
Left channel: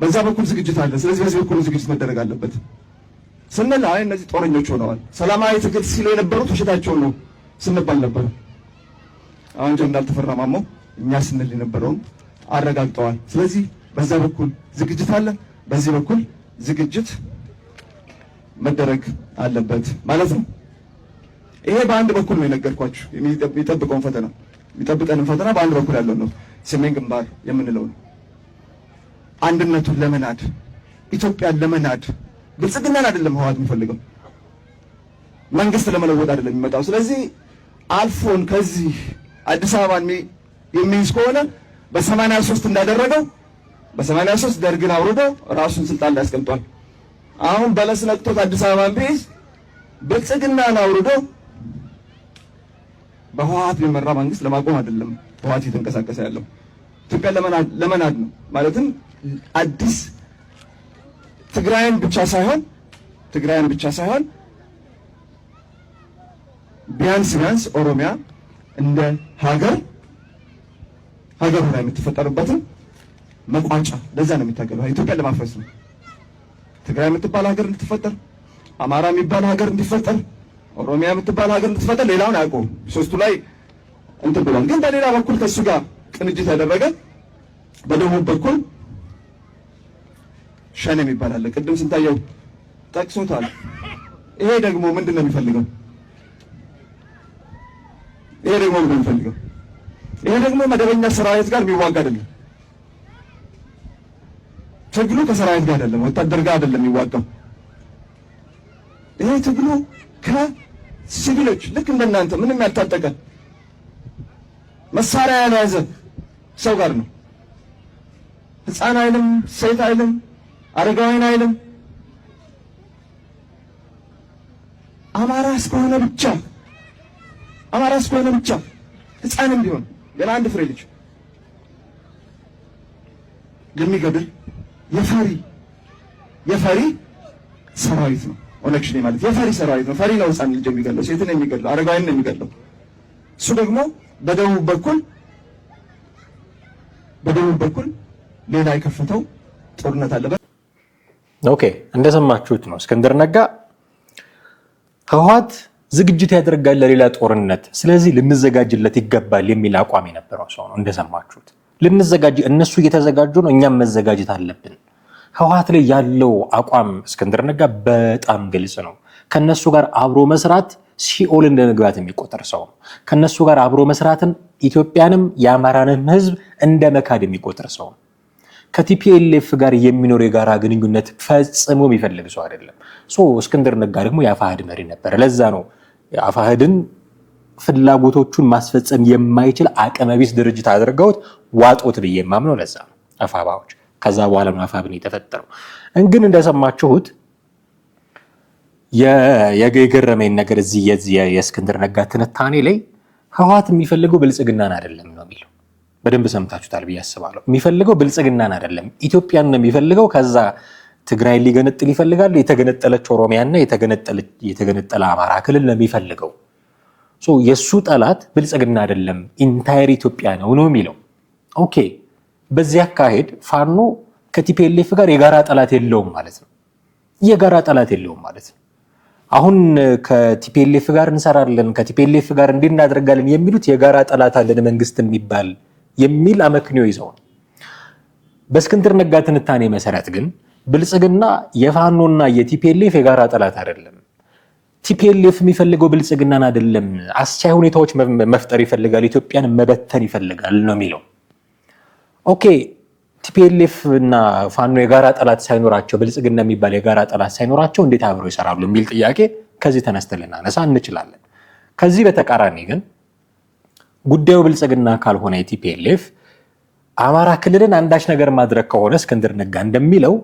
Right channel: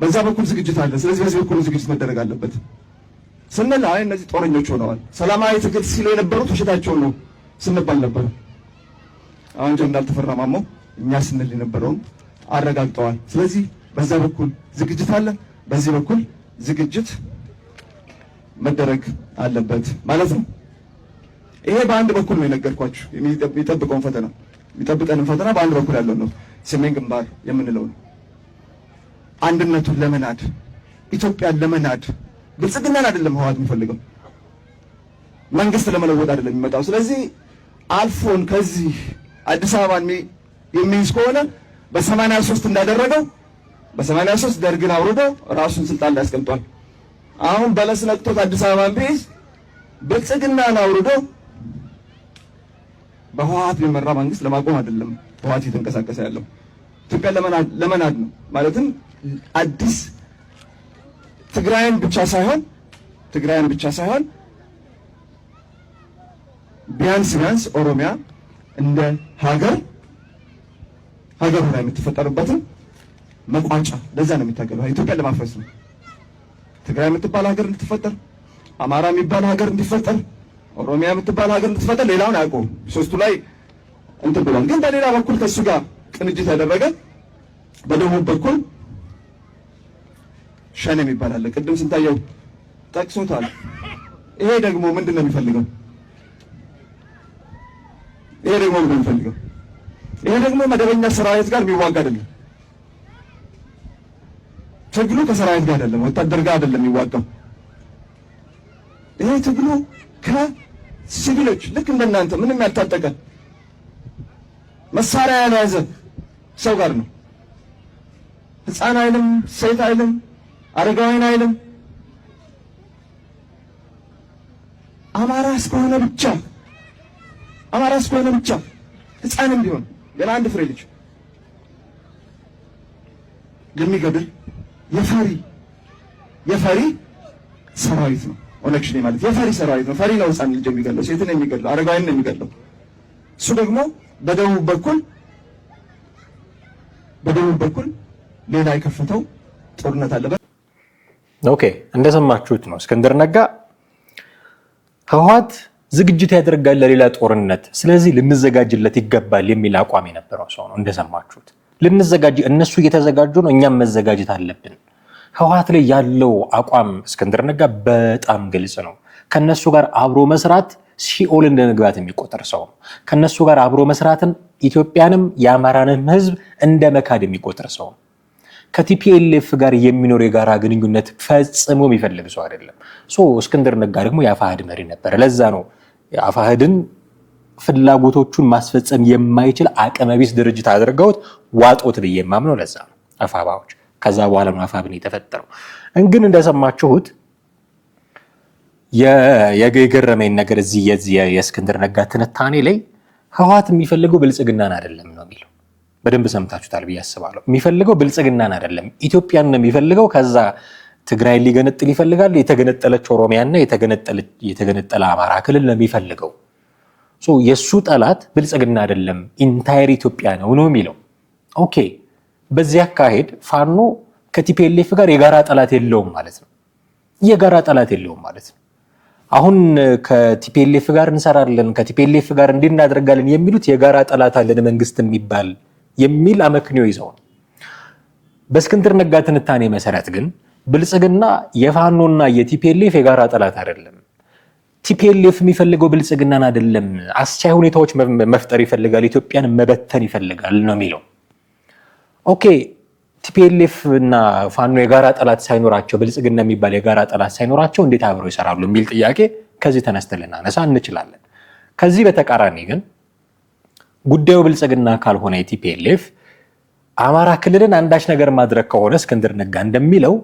በዛ በኩል ዝግጅት አለ፣ ስለዚህ በዚህ በኩል ዝግጅት መደረግ አለበት ስንል እነዚህ ጦረኞች ሆነዋል። ሰላማዊ ትግል ሲሉ የነበሩት ውሸታቸውን ነው ስንባል ነበር። አሁን ጀነራል ተፈራ ማሞ እኛ ስንል የነበረውን አረጋግጠዋል። ስለዚህ በዛ በኩል ዝግጅት አለ፣ በዚህ በኩል ዝግጅት መደረግ አለበት ማለት ነው። ይሄ በአንድ በኩል ነው የነገርኳችሁ። የሚጠብቀውን ፈተና የሚጠብቀንን ፈተና በአንድ በኩል ያለው ነው፣ ሰሜን ግንባር የምንለው ነው። አንድነቱን ለመናድ ኢትዮጵያን ለመናድ ብልጽግናን አይደለም ህወሓት የሚፈልገው፣ መንግስት ለመለወጥ አይደለም የሚመጣው። ስለዚህ አልፎን ከዚህ አዲስ አበባን የሚይዝ ከሆነ በ83 እንዳደረገው በ83 ደርግን አውርዶ ራሱን ስልጣን ላይ ያስቀምጧል። አሁን በለስ ነቅቶት አዲስ አበባን ቢይዝ ብልጽግናን አውርዶ በህወሓት የሚመራ መንግስት ለማቆም አይደለም ህወሓት እየተንቀሳቀሰ ያለው፣ ኢትዮጵያን ለመናድ ነው። ማለትም አዲስ ትግራይን ብቻ ሳይሆን ቢያንስ ኦሮሚያ እንደ ሀገር ላይ የምትፈጠርበትን መቋጫ ለዛ ነው የሚታገለው። ኢትዮጵያን ለማፍረስ ነው። ትግራይ የምትባል ሀገር እንድትፈጠር፣ አማራ የሚባል ሀገር እንዲፈጠር፣ ኦሮሚያ የምትባል ሀገር እንድትፈጠር ሌላውን አያውቀውም። ሶስቱ ላይ እንትን ብሏል። ግን በሌላ በኩል ከሱ ጋር ቅንጅት ያደረገ በደቡብ በኩል ሸኔ የሚባል አለ። ቅድም ስንታየው ጠቅሶታል። ይሄ ደግሞ ምንድን ነው የሚፈልገው? ይሄ ደግሞ መደበኛ ሰራዊት ጋር የሚዋጋ አይደለም። ትግሉ ከሰራዊት ጋር አይደለም፣ ወታደር ጋር አይደለም የሚዋጋው። ይሄ ትግሉ ከሲቪሎች ልክ እንደናንተ ምንም ያልታጠቀ መሳሪያ ያልያዘ ሰው ጋር ነው። ህፃን አይልም፣ ሴት አይልም፣ አረጋዊን አይልም። አማራ እስከሆነ ብቻ ህፃንም ቢሆን ገና አንድ ፍሬ ልጅ የሚገድል የፈሪ ሰራዊት ነው። ኦነግ ሸኔ ማለት የፈሪ ሰራዊት ነው። ፈሪ ነው ህፃን ልጅ የሚገድለው፣ ሴትን የሚገድለው፣ አረጋዊን የሚገድለው። እሱ ደግሞ በደቡብ በኩል ሌላ የከፈተው ጦርነት አለበት። ኦኬ፣ እንደሰማችሁት ነው። እስክንድር ነጋ ህወሓት ዝግጅት ያደርጋል ለሌላ ጦርነት፣ ስለዚህ ልንዘጋጅለት ይገባል የሚል አቋም የነበረው ሰው ነው። እንደሰማችሁት እነሱ እየተዘጋጁ ነው፣ እኛም መዘጋጀት አለብን። ህወሓት ላይ ያለው አቋም እስክንድር ነጋ በጣም ግልጽ ነው። ከነሱ ጋር አብሮ መስራት ሲኦል እንደ መግባት የሚቆጠር ሰው ነው። ከነሱ ጋር አብሮ መስራትን ኢትዮጵያንም የአማራንም ህዝብ እንደ መካድ የሚቆጠር ሰው ነው። ከቲፒኤልኤፍ ጋር የሚኖር የጋራ ግንኙነት ፈጽሞ የሚፈልግ ሰው አይደለም። እስክንድር ነጋ ደግሞ የአፋሕድ መሪ ነበር። ለዛ ነው የአፋሕድን ፍላጎቶቹን ማስፈጸም የማይችል አቅመቢስ ድርጅት አድርገውት ዋጦት ብዬ የማምነው ለዛ ነው። አፋባዎች ከዛ በኋላ ነው አፋብን የተፈጠረው። ግን እንደሰማችሁት የገረመኝ ነገር እዚህ የእስክንድር ነጋ ትንታኔ ላይ ህወሓት የሚፈልገው ብልጽግናን አይደለም ነው የሚለው። በደንብ ሰምታችሁታል ብዬ አስባለሁ። የሚፈልገው ብልጽግናን አይደለም፣ ኢትዮጵያን ነው የሚፈልገው። ከዛ ትግራይ ሊገነጥል ይፈልጋል። የተገነጠለች ኦሮሚያና የተገነጠለ አማራ ክልል ነው የሚፈልገው። የሱ ጠላት ብልጽግና አይደለም ኢንታየር ኢትዮጵያ ነው የሚለው። ኦኬ፣ በዚህ አካሄድ ፋኖ ከቲፒኤልኤፍ ጋር የጋራ ጠላት የለውም ማለት ነው። አሁን ከቲፒኤልኤፍ ጋር እንሰራለን፣ ከቲፒኤልኤፍ ጋር እንድናደርጋለን የሚሉት የጋራ ጠላት አለን መንግስት የሚባል የሚል አመክንዮ ይዘው ነው። በእስክንድር ነጋ ትንታኔ መሰረት ግን ብልጽግና የፋኖና የቲፒኤልኤፍ የጋራ ጠላት አይደለም። ቲፒኤልኤፍ የሚፈልገው ብልጽግናን አይደለም፣ አስቻይ ሁኔታዎች መፍጠር ይፈልጋል፣ ኢትዮጵያን መበተን ይፈልጋል ነው የሚለው። ኦኬ ቲፒኤልኤፍ እና ፋኖ የጋራ ጠላት ሳይኖራቸው ብልጽግና የሚባል የጋራ ጠላት ሳይኖራቸው እንዴት አብረው ይሰራሉ የሚል ጥያቄ ከዚህ ተነስተን ልናነሳ እንችላለን። ከዚህ በተቃራኒ ግን ጉዳዩ ብልጽግና ካልሆነ የቲፒኤልኤፍ አማራ ክልልን አንዳች ነገር ማድረግ ከሆነ እስክንድር ነጋ እንደሚለው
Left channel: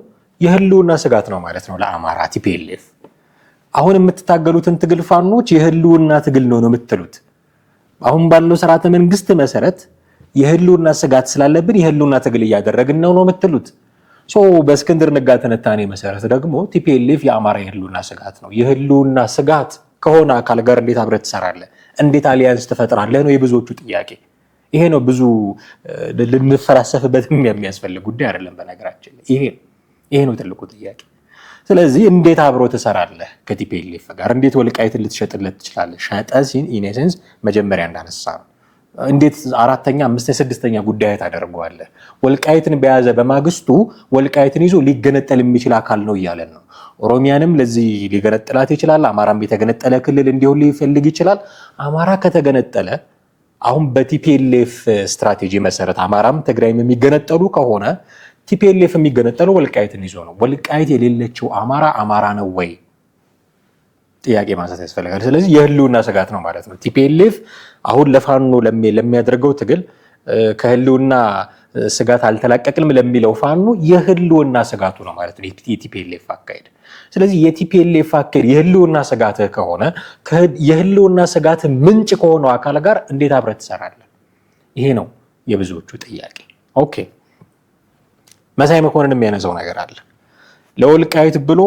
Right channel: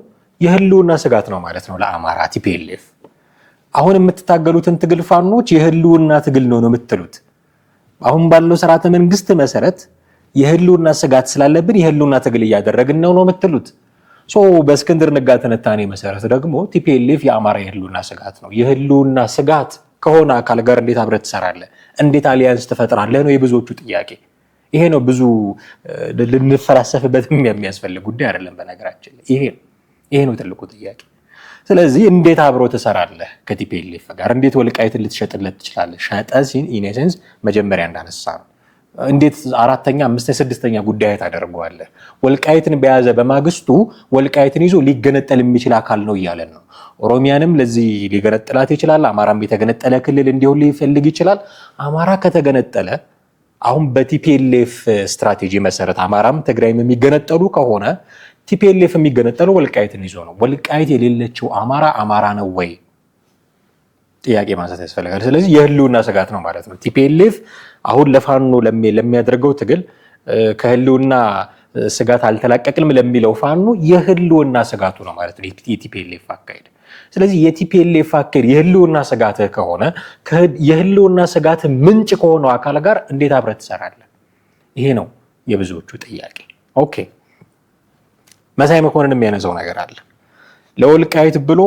የህልውና ስጋት ነው ማለት ነው ለአማራ ቲፒኤልኤፍ። አሁን የምትታገሉትን ትግል ፋኖች የህልውና ትግል ነው የምትሉት። አሁን ባለው ስርዓተ መንግስት መሰረት የህልውና ስጋት ስላለብን የህልውና ትግል እያደረግን ነው የምትሉት። በእስክንድር ነጋ ትንታኔ መሰረት ደግሞ ቲፒኤልኤፍ የአማራ የህልውና ስጋት ነው። የህልውና ስጋት ከሆነ አካል ጋር እንዴት አብረህ ትሰራለህ? እንዴት አሊያንስ ትፈጥራለህ ነው የብዙዎቹ ጥያቄ። ይሄ ነው ብዙ ልንፈላሰፍበት የሚያስፈልግ ጉዳይ አይደለም። በነገራችን ይሄ ነው ትልቁ ጥያቄ። ስለዚህ እንዴት አብሮ ትሰራለህ ከቲፒኤልኤፍ ጋር? እንዴት ወልቃይትን ልትሸጥለት ትችላለህ? ሸጠሲን ኢኔሴንስ መጀመሪያ እንዳነሳ ነው። እንዴት አራተኛ፣ አምስተኛ፣ ስድስተኛ ጉዳይ ታደርገዋለህ? ወልቃይትን በያዘ በማግስቱ ወልቃይትን ይዞ ሊገነጠል የሚችል አካል ነው እያለን ነው። ኦሮሚያንም ለዚህ ሊገነጥላት ይችላል። አማራም የተገነጠለ ክልል እንዲሆን ሊፈልግ ይችላል። አማራ ከተገነጠለ አሁን በቲፒኤልኤፍ ስትራቴጂ መሰረት አማራም ትግራይም የሚገነጠሉ ከሆነ ቲፒኤልኤፍ የሚገነጠለው ወልቃይትን ይዞ ነው። ወልቃይት የሌለችው አማራ ነው ወይ? ጥያቄ ማንሳት ያስፈልጋል። ስለዚህ የህልውና ስጋት ነው ማለት ነው። ቲፒኤልኤፍ አሁን ለፋኖ ለሚያደርገው ትግል ከህልውና ስጋት አልተላቀቅልም ለሚለው ፋኖ የህልውና ስጋቱ ነው ማለት ነው የቲፒኤልኤፍ አካሄድ። ስለዚህ የቲፒኤልኤፍ አካሄድ የህልውና ስጋት ከሆነ የህልውና ስጋት ምንጭ ከሆነው አካል ጋር እንዴት አብረህ ትሰራለህ? ይሄ ነው የብዙዎቹ ጥያቄ። ኦኬ መሳይ መኮንን የሚያነሳው ነገር አለ። ለወልቃይት ብሎ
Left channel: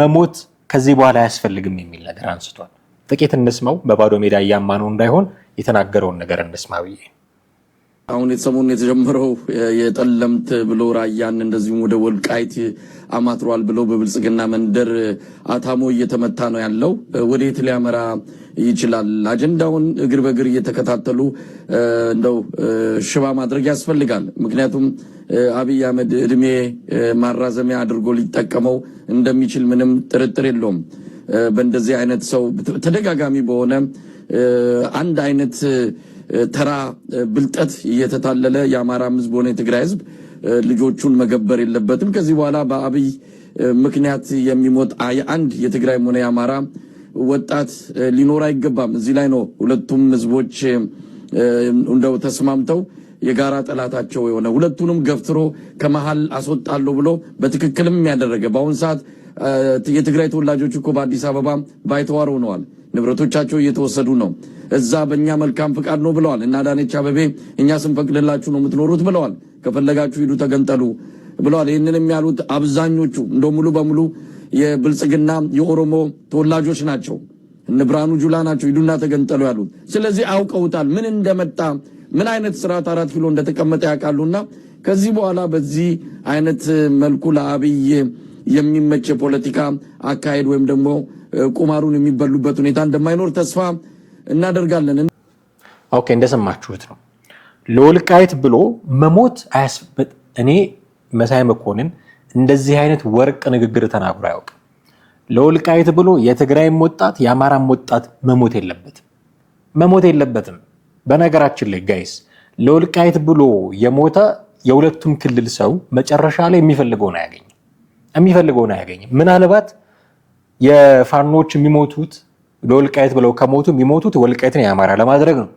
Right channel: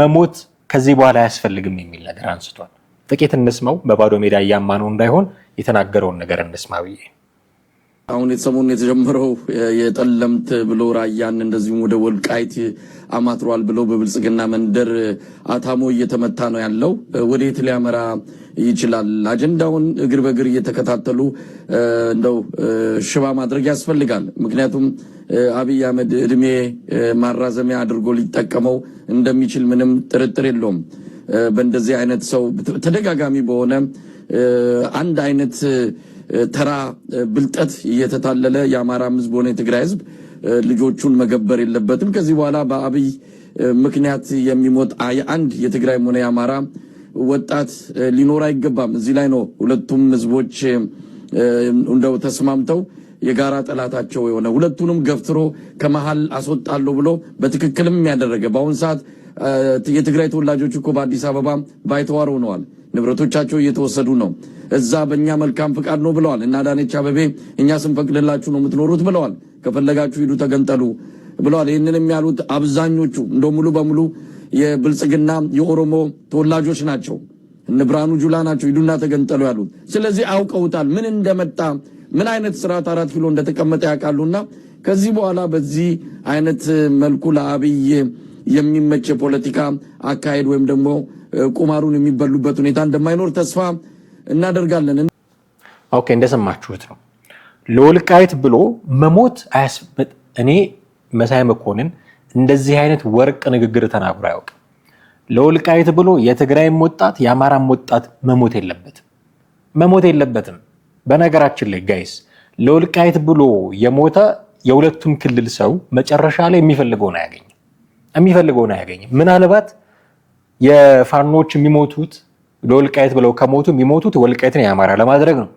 መሞት ከዚህ በኋላ አያስፈልግም የሚል ነገር አንስቷል። ጥቂት እንስማው። በባዶ ሜዳ እያማነው እንዳይሆን የተናገረውን ነገር እንስማ ብዬ አሁን ሰሞኑን የተጀመረው የጠለምት ብሎ ራያን እንደዚሁም ወደ ወልቃይት አማትሯል ብሎ በብልጽግና መንደር አታሞ እየተመታ ነው ያለው። ወዴት ሊያመራ ይችላል? አጀንዳውን እግር በእግር እየተከታተሉ እንደው ሽባ ማድረግ ያስፈልጋል። ምክንያቱም አብይ አህመድ እድሜ ማራዘሚያ አድርጎ ሊጠቀመው እንደሚችል ምንም ጥርጥር የለውም። በእንደዚህ አይነት ሰው ተደጋጋሚ በሆነ አንድ አይነት ተራ ብልጠት እየተታለለ የአማራ ህዝብ ሆነ የትግራይ ህዝብ ልጆቹን መገበር የለበትም። ከዚህ በኋላ በአብይ ምክንያት የሚሞት አንድ የትግራይም ሆነ የአማራ ወጣት ሊኖር አይገባም። እዚህ ላይ ነው ሁለቱም ህዝቦች እንደው ተስማምተው የጋራ ጠላታቸው የሆነ ሁለቱንም ገፍትሮ ከመሃል አስወጣለሁ ብሎ በትክክልም ያደረገ። በአሁን ሰዓት የትግራይ ተወላጆች እኮ በአዲስ አበባ ባይተዋር ሆነዋል። ንብረቶቻቸው እየተወሰዱ ነው። እዛ በእኛ መልካም ፍቃድ ነው ብለዋል። እና አዳነች አቤቤ እኛ ስንፈቅድላችሁ ነው የምትኖሩት ብለዋል። ከፈለጋችሁ ሂዱ ተገንጠሉ ብለዋል። ይህንንም ያሉት አብዛኞቹ እንደው ሙሉ በሙሉ የብልጽግና የኦሮሞ ተወላጆች ናቸው። እነ ብርሃኑ ጁላ ናቸው ሂዱና ተገንጠሉ ያሉት። ስለዚህ አውቀውታል ምን እንደመጣ፣ ምን አይነት ስርዓት 4 ኪሎ እንደተቀመጠ ያውቃሉና ከዚህ በኋላ በዚህ አይነት መልኩ ለአብይ የሚመች የፖለቲካ አካሄድ ወይም ደግሞ ቁማሩን የሚበሉበት ሁኔታ እንደማይኖር ተስፋ እናደርጋለን። ኦኬ እንደሰማችሁት ነው። ለወልቃይት ብሎ መሞት እኔ መሳይ መኮንን እንደዚህ አይነት ወርቅ ንግግር ተናግሮ አያውቅም። ለወልቃይት ብሎ የትግራይም ወጣት የአማራም ወጣት መሞት የለበትም። በነገራችን ላይ ጋይስ ለወልቃይት ብሎ የሞተ የሁለቱም ክልል ሰው መጨረሻ ላይ የሚፈልገውን አያገኝም። ምናልባት የፋኖች የሚሞቱት ለወልቃይት ብለው ከሞቱ የሚሞቱት ወልቃይትን የአማራ ለማድረግ ነው።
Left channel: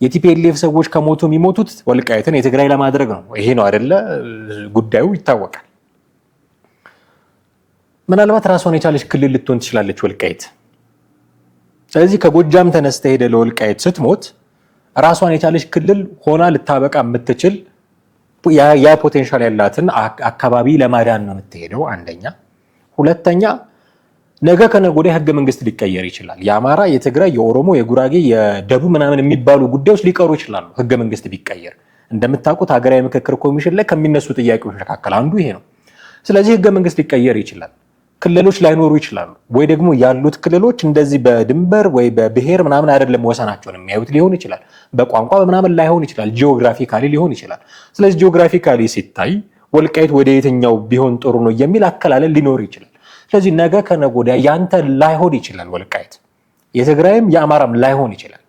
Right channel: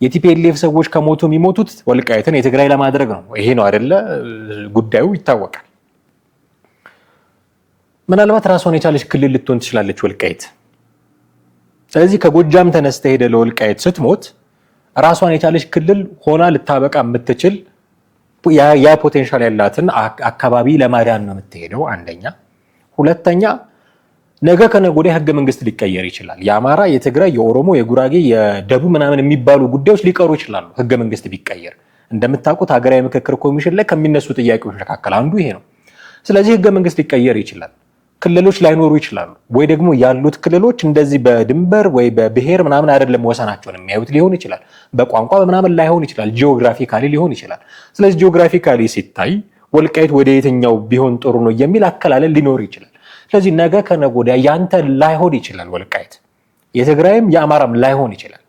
የቲፒኤልኤፍ ሰዎች ከሞቱ የሚሞቱት ወልቃይትን የትግራይ ለማድረግ ነው። ይሄ ነው አይደለ? ጉዳዩ ይታወቃል። ምናልባት ራሷን የቻለች ክልል ልትሆን ትችላለች ወልቃይት። ስለዚህ ከጎጃም ተነስተ ሄደ ለወልቃይት ስትሞት ራሷን የቻለች ክልል ሆና ልታበቃ የምትችል ያ ፖቴንሻል ያላትን አካባቢ ለማዳን ነው የምትሄደው። አንደኛ። ሁለተኛ ነገ ከነገ ወዲያ ህገ መንግስት ሊቀየር ይችላል። የአማራ፣ የትግራይ፣ የኦሮሞ፣ የጉራጌ፣ የደቡብ ምናምን የሚባሉ ጉዳዮች ሊቀሩ ይችላሉ ህገ መንግስት ቢቀየር። እንደምታውቁት ሀገራዊ ምክክር ኮሚሽን ላይ ከሚነሱ ጥያቄዎች መካከል አንዱ ይሄ ነው። ስለዚህ ህገ መንግስት ሊቀየር ይችላል። ክልሎች ላይኖሩ ይችላሉ። ወይ ደግሞ ያሉት ክልሎች እንደዚህ በድንበር ወይ በብሔር ምናምን አይደለም ወሰናቸውን የሚያዩት ሊሆን ይችላል። በቋንቋ ምናምን ላይሆን ይችላል። ጂኦግራፊካሊ ሊሆን ይችላል። ስለዚህ ጂኦግራፊካሊ ሲታይ ወልቃይት ወደ የትኛው ቢሆን ጥሩ ነው የሚል አከላለል ሊኖር ይችላል። ስለዚህ ነገ ከነገ ወዲያ ያንተ ላይሆን ይችላል ወልቃይት፣ የትግራይም የአማራም ላይሆን ይችላል።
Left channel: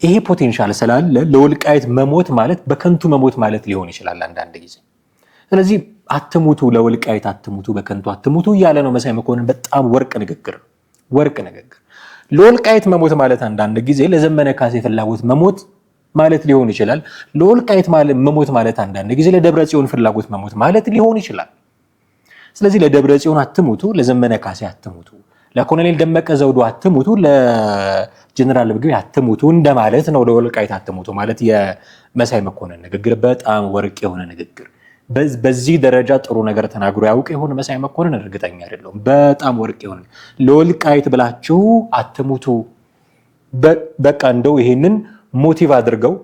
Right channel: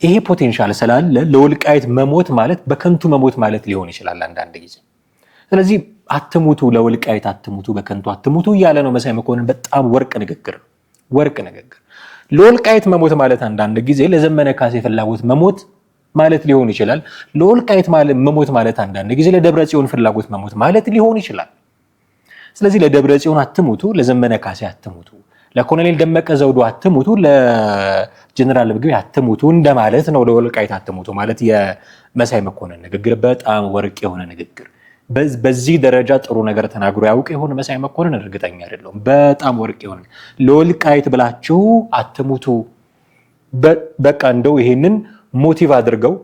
ይሄ ፖቴንሻል ስላለ ለወልቃይት መሞት ማለት በከንቱ መሞት ማለት ሊሆን ይችላል አንዳንድ ጊዜ። ስለዚህ አትሙቱ፣ ለወልቃይት አትሙቱ፣ በከንቱ አትሙቱ እያለ ነው መሳይ መኮንን። በጣም ወርቅ ንግግር። ለወልቃይት መሞት ማለት አንዳንድ ጊዜ ለዘመነ ካሴ ፍላጎት መሞት ማለት ሊሆን ይችላል። ለወልቃይት መሞት ማለት አንዳንድ ጊዜ ለደብረ ጽዮን ፍላጎት መሞት ማለት ሊሆን ይችላል። ስለዚህ ለደብረ ጽዮን አትሙቱ፣ ለዘመነ ካሴ አትሙቱ፣ ለኮሎኔል ደመቀ ዘውዱ አትሙቱ፣ ለጀነራል ምግብ አትሙቱ እንደማለት ነው። ለወልቃይት አትሙቱ ማለት የመሳይ መኮንን ንግግር በጣም ወርቅ የሆነ ንግግር። በዚህ ደረጃ ጥሩ ነገር ተናግሮ ያውቅ የሆነ መሳይ መኮንን እርግጠኛ አይደለሁም። በጣም ወርቅ የሆነ ለወልቃይት ብላችሁ አትሙቱ። በቃ እንደው ይሄንን ሞቲቭ አድርገው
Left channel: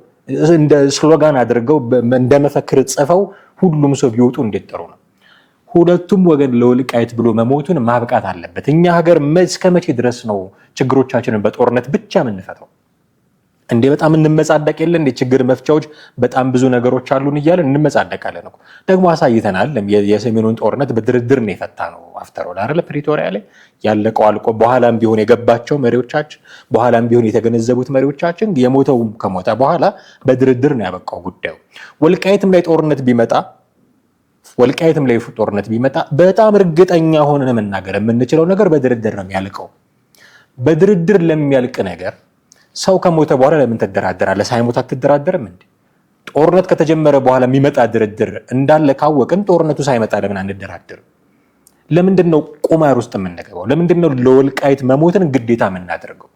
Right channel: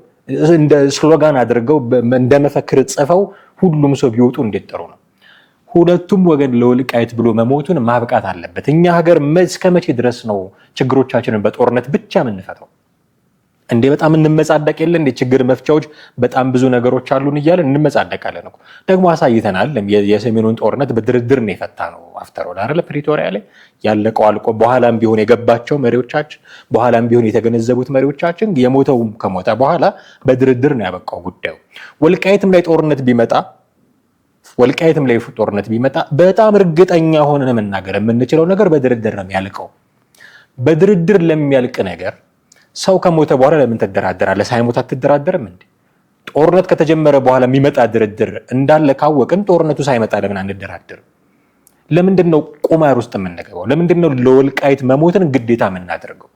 እንደ ስሎጋን አድርገው እንደ መፈክር ጽፈው ሁሉም ሰው ቢወጡ እንዴት ጥሩ ነው። ሁለቱም ወገን ለወልቃይት ብሎ መሞቱን ማብቃት አለበት። እኛ ሀገር እስከ መቼ ድረስ ነው ችግሮቻችንን በጦርነት ብቻ የምንፈታው? እንዴ በጣም እንመጻደቅ የለ እንዴ? ችግር መፍቻዎች በጣም ብዙ ነገሮች አሉን እያለን እንመጻደቃለን እኮ። ደግሞ አሳይተናል። የሰሜኑን ጦርነት በድርድር ነው የፈታ ነው። አፍተሮል አይደለ? ፕሪቶሪያ ላይ ያለቀው አልቆ በኋላም ቢሆን የገባቸው መሪዎቻችን፣ በኋላም ቢሆን የተገነዘቡት መሪዎቻችን የሞተው ከሞተ በኋላ በድርድር ነው ያበቃው ጉዳዩ። ወልቃይትም ላይ ጦርነት ቢመጣ በጣም እርግጠኛ ሆነን መናገር የምንችለው ነገር በድርድር ነው የሚያልቀው። በድርድር ለሚያልቅ ነገር ሰው ከሞተ በኋላ ለምን ትደራደራለህ? ሳይሞት አትደራደርም እንዴ? ጦርነት ከተጀመረ በኋላ የሚመጣ ድርድር እንዳለ ካወቅን ጦርነቱ ሳይመጣ ለምን አንደራደርም? ለምንድን ነው ቁማር ውስጥ የምንገባው? ለምንድን ነው ለወልቃይት መሞትን ግዴታ የምናደርገው?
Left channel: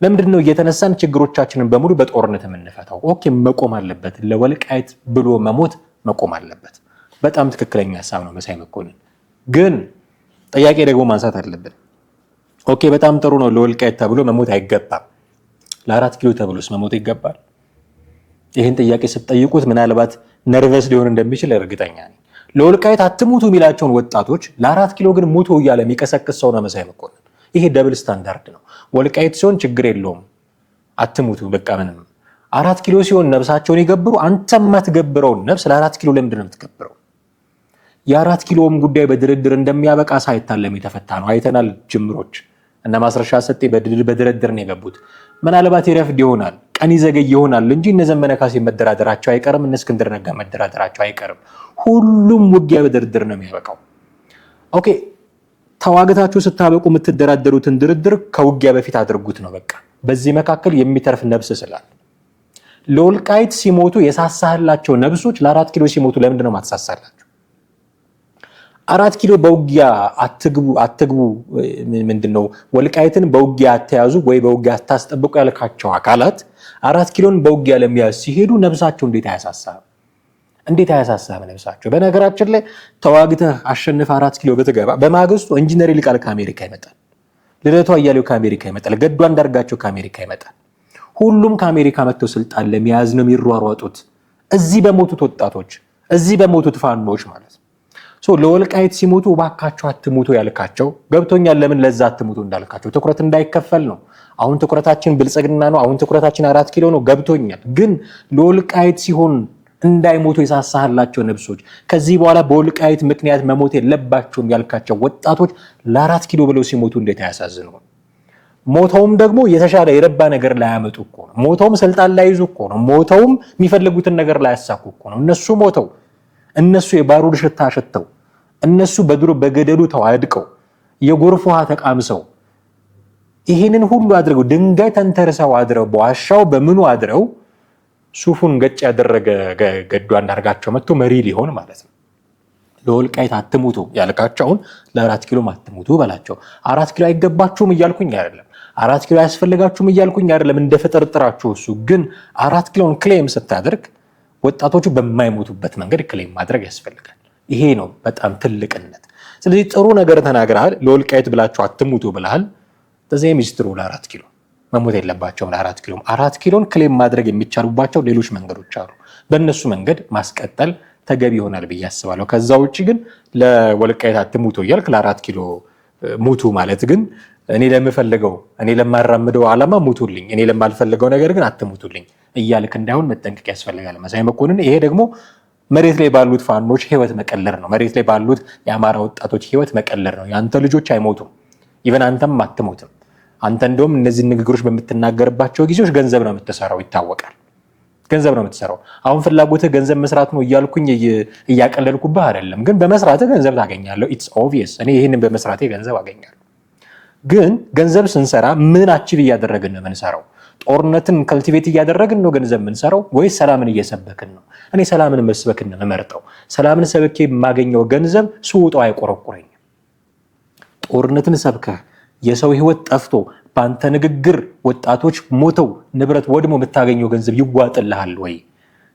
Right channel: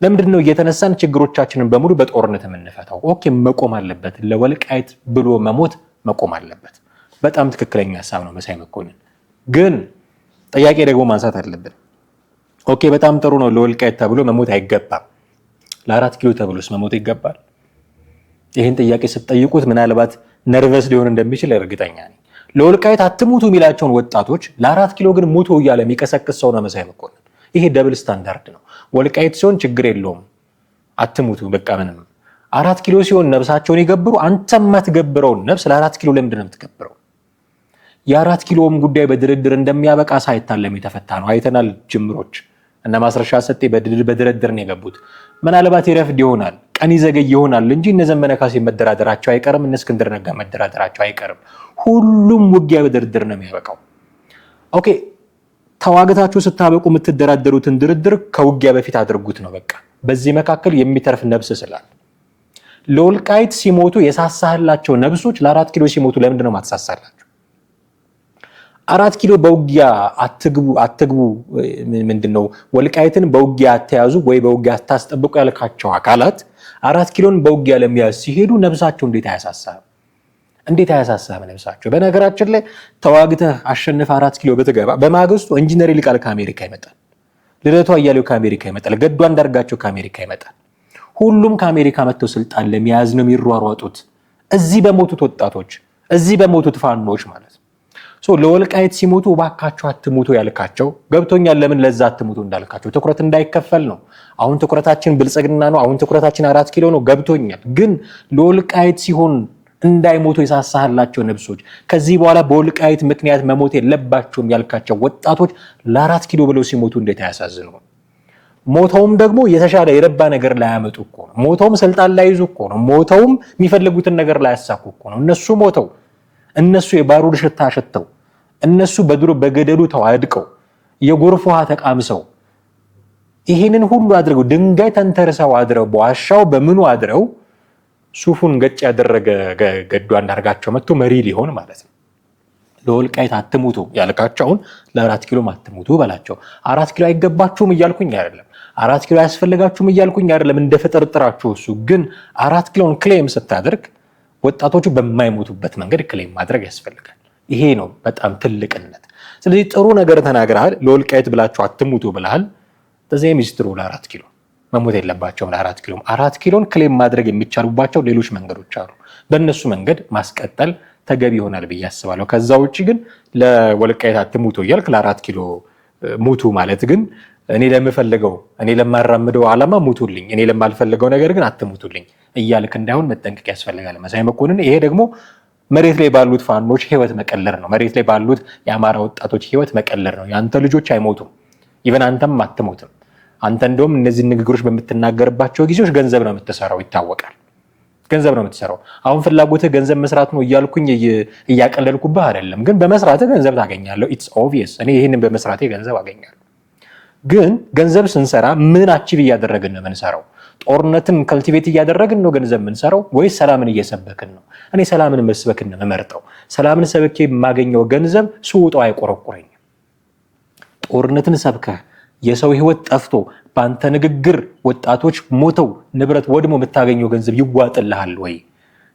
ለምንድን ነው እየተነሳን ችግሮቻችንን በሙሉ በጦርነት የምንፈታው? ኦኬ መቆም አለበት። ለወልቃይት ብሎ መሞት መቆም አለበት። በጣም ትክክለኛ ሀሳብ ነው መሳይ መኮንን። ግን ጥያቄ ደግሞ ማንሳት አለብን። ኦኬ በጣም ጥሩ ነው፣ ለወልቃይት ተብሎ መሞት አይገባም። ለ4 ኪሎ ተብሎስ መሞት ይገባል? ይህን ጥያቄ ስትጠይቁት ምናልባት ነርቨስ ሊሆን እንደሚችል እርግጠኛ ነኝ። ለወልቃይት አትሙቱ የሚላቸውን ወጣቶች ለ4 ኪሎ ግን ሙቱ እያለ የሚቀሰቅስ ሰው ነው መሳይ መኮንን። ይሄ ደብል ስታንዳርድ ነው። ወልቃይት ሲሆን ችግር የለውም አትሙቱ በቃ ምንም። 4 ኪሎ ሲሆን ነብሳቸውን ይገብሩ። አንተ የማትገብረውን ነብስ ለ4 ኪሎ ለምንድን ነው የምትገብረው? የ4 ኪሎም ጉዳይ በድርድር እንደሚያበቃ ሳይታለም የተፈታ ነው። አይተናል ጅምሮች እና ማስረሻ ሰጤ በድርድር ነው የገቡት። ምናልባት ይረፍድ ይሆናል፣ ቀን ይዘገይ ይሆናል እንጂ እነ ዘመነ ካሴ መደራደራቸው አይቀርም፣ እነ እስክንድር ነጋ መደራደራቸው አይቀርም። ሁሉም ውጊያ በድርድር ነው የሚያበቃው። ኦኬ ተዋግታችሁ ስታበቁ የምትደራደሩትን ድርድር ከውጊያ በፊት አድርጉት ነው በቃ። በዚህ መካከል የሚተርፍ ነብስ ስላል ለወልቃይት ሲሞቱ የሳሳህላቸው ነብሶች ለ4 ኪሎ ሲሞቱ ለምንድን ነው ማትሳሳላቸው? 4 ኪሎ በውጊያ አትግቡ ምንድነው? ወልቃይትን በውጊያ አተያዙ ወይ በውጊያ አታስጠብቁ ያልካቸው አካላት 4 ኪሎን በውጊያ ለሚያዝ ሲሄዱ ነብሳቸው እንዴት አያሳሳም ነብሳቸው? በነገራችን ላይ ተዋግተህ አሸንፈህ 4 ኪሎ ብትገባ በማግስቱ ኢንጂነር ይልቃል ከአሜሪካ ይመጣል፣ ልደቱ አያሌው ከአሜሪካ ይመጣል፣ ገዱ አንዳርጋቸው ከአሜሪካ ይመጣል። ሁሉም ከአሜሪካ መጥተው ስልጣን ለመያዝ ነው የሚሯሯጡት። እዚህ በሞቱት ወጣቶች፣ እዚህ በሞቱት ፋኖች ማለት ነው። ለወልቃይት ሲሞቱ እባካቸው አትሙቱ ያልካቸው ገብቶኛል። ለምን ለዛ አትሙቱ እንዳልካቸው ትኩረት እንዳይከፈል ነው። አሁን ትኩረታችን ብልጽግና ነው፣ አሁን ትኩረታችን 4 ኪሎ ነው። ገብቶኛል። ግን ለወልቃይት ሲሆን እንዳይሞቱ የሳሳህላቸው ነብሶች፣ ከዚህ በኋላ በወልቃይት ምክንያት መሞት የለባቸውም ያልካቸው ወጣቶች ለ4 ኪሎ ብለው ሲሞቱ እንዴት አያሳዝኑ? ሞተውም ደግሞ የተሻለ የረባ ነገር ላያመጡ እኮ ነው። ሞተውም ስልጣን ላይይዙ እኮ ነው። ሞተውም የሚፈልጉትን ነገር ላያሳኩ እኮ ነው። እነሱ ሞተው፣ እነሱ የባሩድ ሽታ ሸተው፣ እነሱ በድሮ በገደሉ ተዋድቀው የጎርፍ ውሃ ተቃምሰው ይህንን ሁሉ አድርገው ድንጋይ ተንተርሰው አድረው በዋሻው በምኑ አድረው ሱፉን ገጭ ያደረገ ገዱ አንዳርጋቸው መጥቶ መሪ ሊሆን ማለት ነው። ለወልቃይት አትሙቱ ያልካቸውን ለ4 ኪሎ አትሙቱ በላቸው። 4 ኪሎ አይገባችሁም እያልኩኝ አይደለም፣ 4 ኪሎ አያስፈልጋችሁም እያልኩኝ አይደለም። እንደ ፍጥርጥራችሁ እሱ ግን 4 ኪሎን ክሌም ስታደርግ ወጣቶቹ በማይሞቱበት መንገድ ክሌም ማድረግ ያስፈልጋል። ይሄ ነው በጣም ትልቅነት። ስለዚህ ጥሩ ነገር ተናግረሃል። ለወልቃይት ብላችሁ አትሙቱ ብለሃል። ተዘይ ሚኒስትሩ ለ4 ኪሎ መሞት የለባቸውም። ለ4 ኪሎ 4 ኪሎን ክሌም ማድረግ የሚቻሉባቸው ሌሎች መንገዶች አሉ። በእነሱ መንገድ ማስቀጠል ተገቢ ይሆናል ብዬ አስባለሁ። ከዛ ውጭ ግን ለወልቃይት አትሙቱ እያልክ ለ4 ኪሎ ሙቱ ማለት ግን እኔ ለምፈልገው እኔ ለማራምደው ዓላማ ሙቱልኝ፣ እኔ ለማልፈልገው ነገር ግን አትሙቱልኝ እያልክ እንዳይሆን መጠንቀቅ ያስፈልጋል መሳይ መኮንን። ይሄ ደግሞ መሬት ላይ ባሉት ፋኖች ህይወት መቀለር ነው። መሬት ላይ ባሉት የአማራ ወጣቶች ህይወት መቀለር ነው። የአንተ ልጆች አይሞቱም፣ ኢቨን አንተም አትሞትም። አንተ እንደውም እነዚህ ንግግሮች በምትናገርባቸው ጊዜዎች ገንዘብ ነው የምትሰራው፣ ይታወቃል። ገንዘብ ነው የምትሰራው። አሁን ፍላጎትህ ገንዘብ መስራት ነው እያልኩኝ እያቀለልኩብህ አይደለም፣ ግን በመስራትህ ገንዘብ ታገኛለህ። ኢትስ ኦብቪየስ። እኔ ይህንን በመስራቴ ገንዘብ አገኛለሁ። ግን ገንዘብ ስንሰራ ምን አቺቭ እያደረግን ነው የምንሰራው? ጦርነትን ከልቲቬት እያደረግን ነው ገንዘብ የምንሰራው ወይስ ሰላምን እየሰበክን ነው? እኔ ሰላምን መስበክን ነው የምመርጠው። ሰላምን ሰብኬ የማገኘው ገንዘብ ስውጠው አይቆረቁረኝም። ጦርነትን ሰብከህ የሰው ህይወት ጠፍቶ በአንተ ንግግር ወጣቶች ሞተው ንብረት ወድሞ የምታገኘው ገንዘብ ይዋጥልሃል ወይ?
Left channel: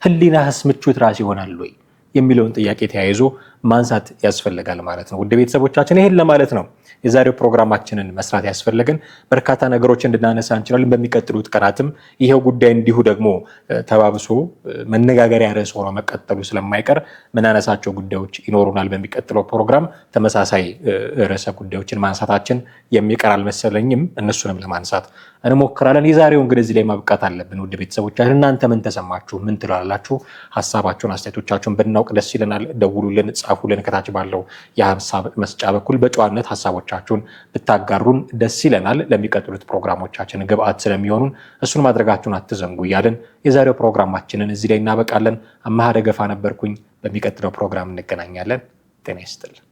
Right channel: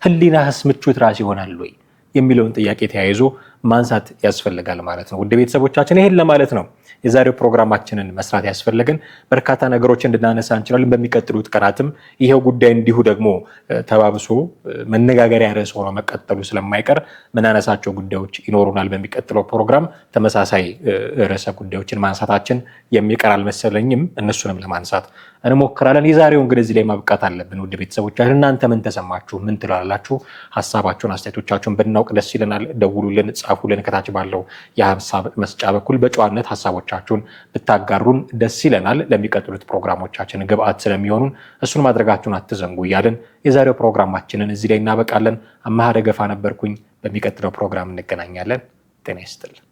ህሊናህስ ምቾት ራስ ይሆናል ወይ የሚለውን ጥያቄ ተያይዞ ማንሳት ያስፈልጋል ማለት ነው። ውድ ቤተሰቦቻችን ይሄን ለማለት ነው የዛሬው ፕሮግራማችንን መስራት ያስፈልገን። በርካታ ነገሮች እንድናነሳ እንችላለን። በሚቀጥሉት ቀናትም ይሄው ጉዳይ እንዲሁ ደግሞ ተባብሶ መነጋገሪያ ርዕስ ሆኖ መቀጠሉ ስለማይቀር ምናነሳቸው ጉዳዮች ይኖሩናል። በሚቀጥለው ፕሮግራም ተመሳሳይ ርዕሰ ጉዳዮችን ማንሳታችን የሚቀር አልመሰለኝም። እነሱንም ለማንሳት እንሞክራለን። የዛሬውን ግን እዚህ ላይ ማብቃት አለብን። ውድ ቤተሰቦቻችን እናንተ ምን ተሰማችሁ? ምን ትላላችሁ? ሀሳባችሁን አስተያየቶቻችሁን ብናውቅ ደስ ይለናል። ደውሉልን፣ ጻፉልን። ከታች ባለው የሀሳብ መስጫ በኩል በጨዋነት ሀሳቦቻችሁን ብታጋሩን ደስ ይለናል። ለሚቀጥሉት ፕሮግራሞቻችን ግብአት ስለሚሆኑን እሱን ማድረጋችሁን አትዘንጉ እያለን የዛሬው ፕሮግራማችንን እዚህ ላይ እናበቃለን። አማሃ ደገፋ ነበርኩኝ። በሚቀጥለው ፕሮግራም እንገናኛለን። ጤና ይስጥልን።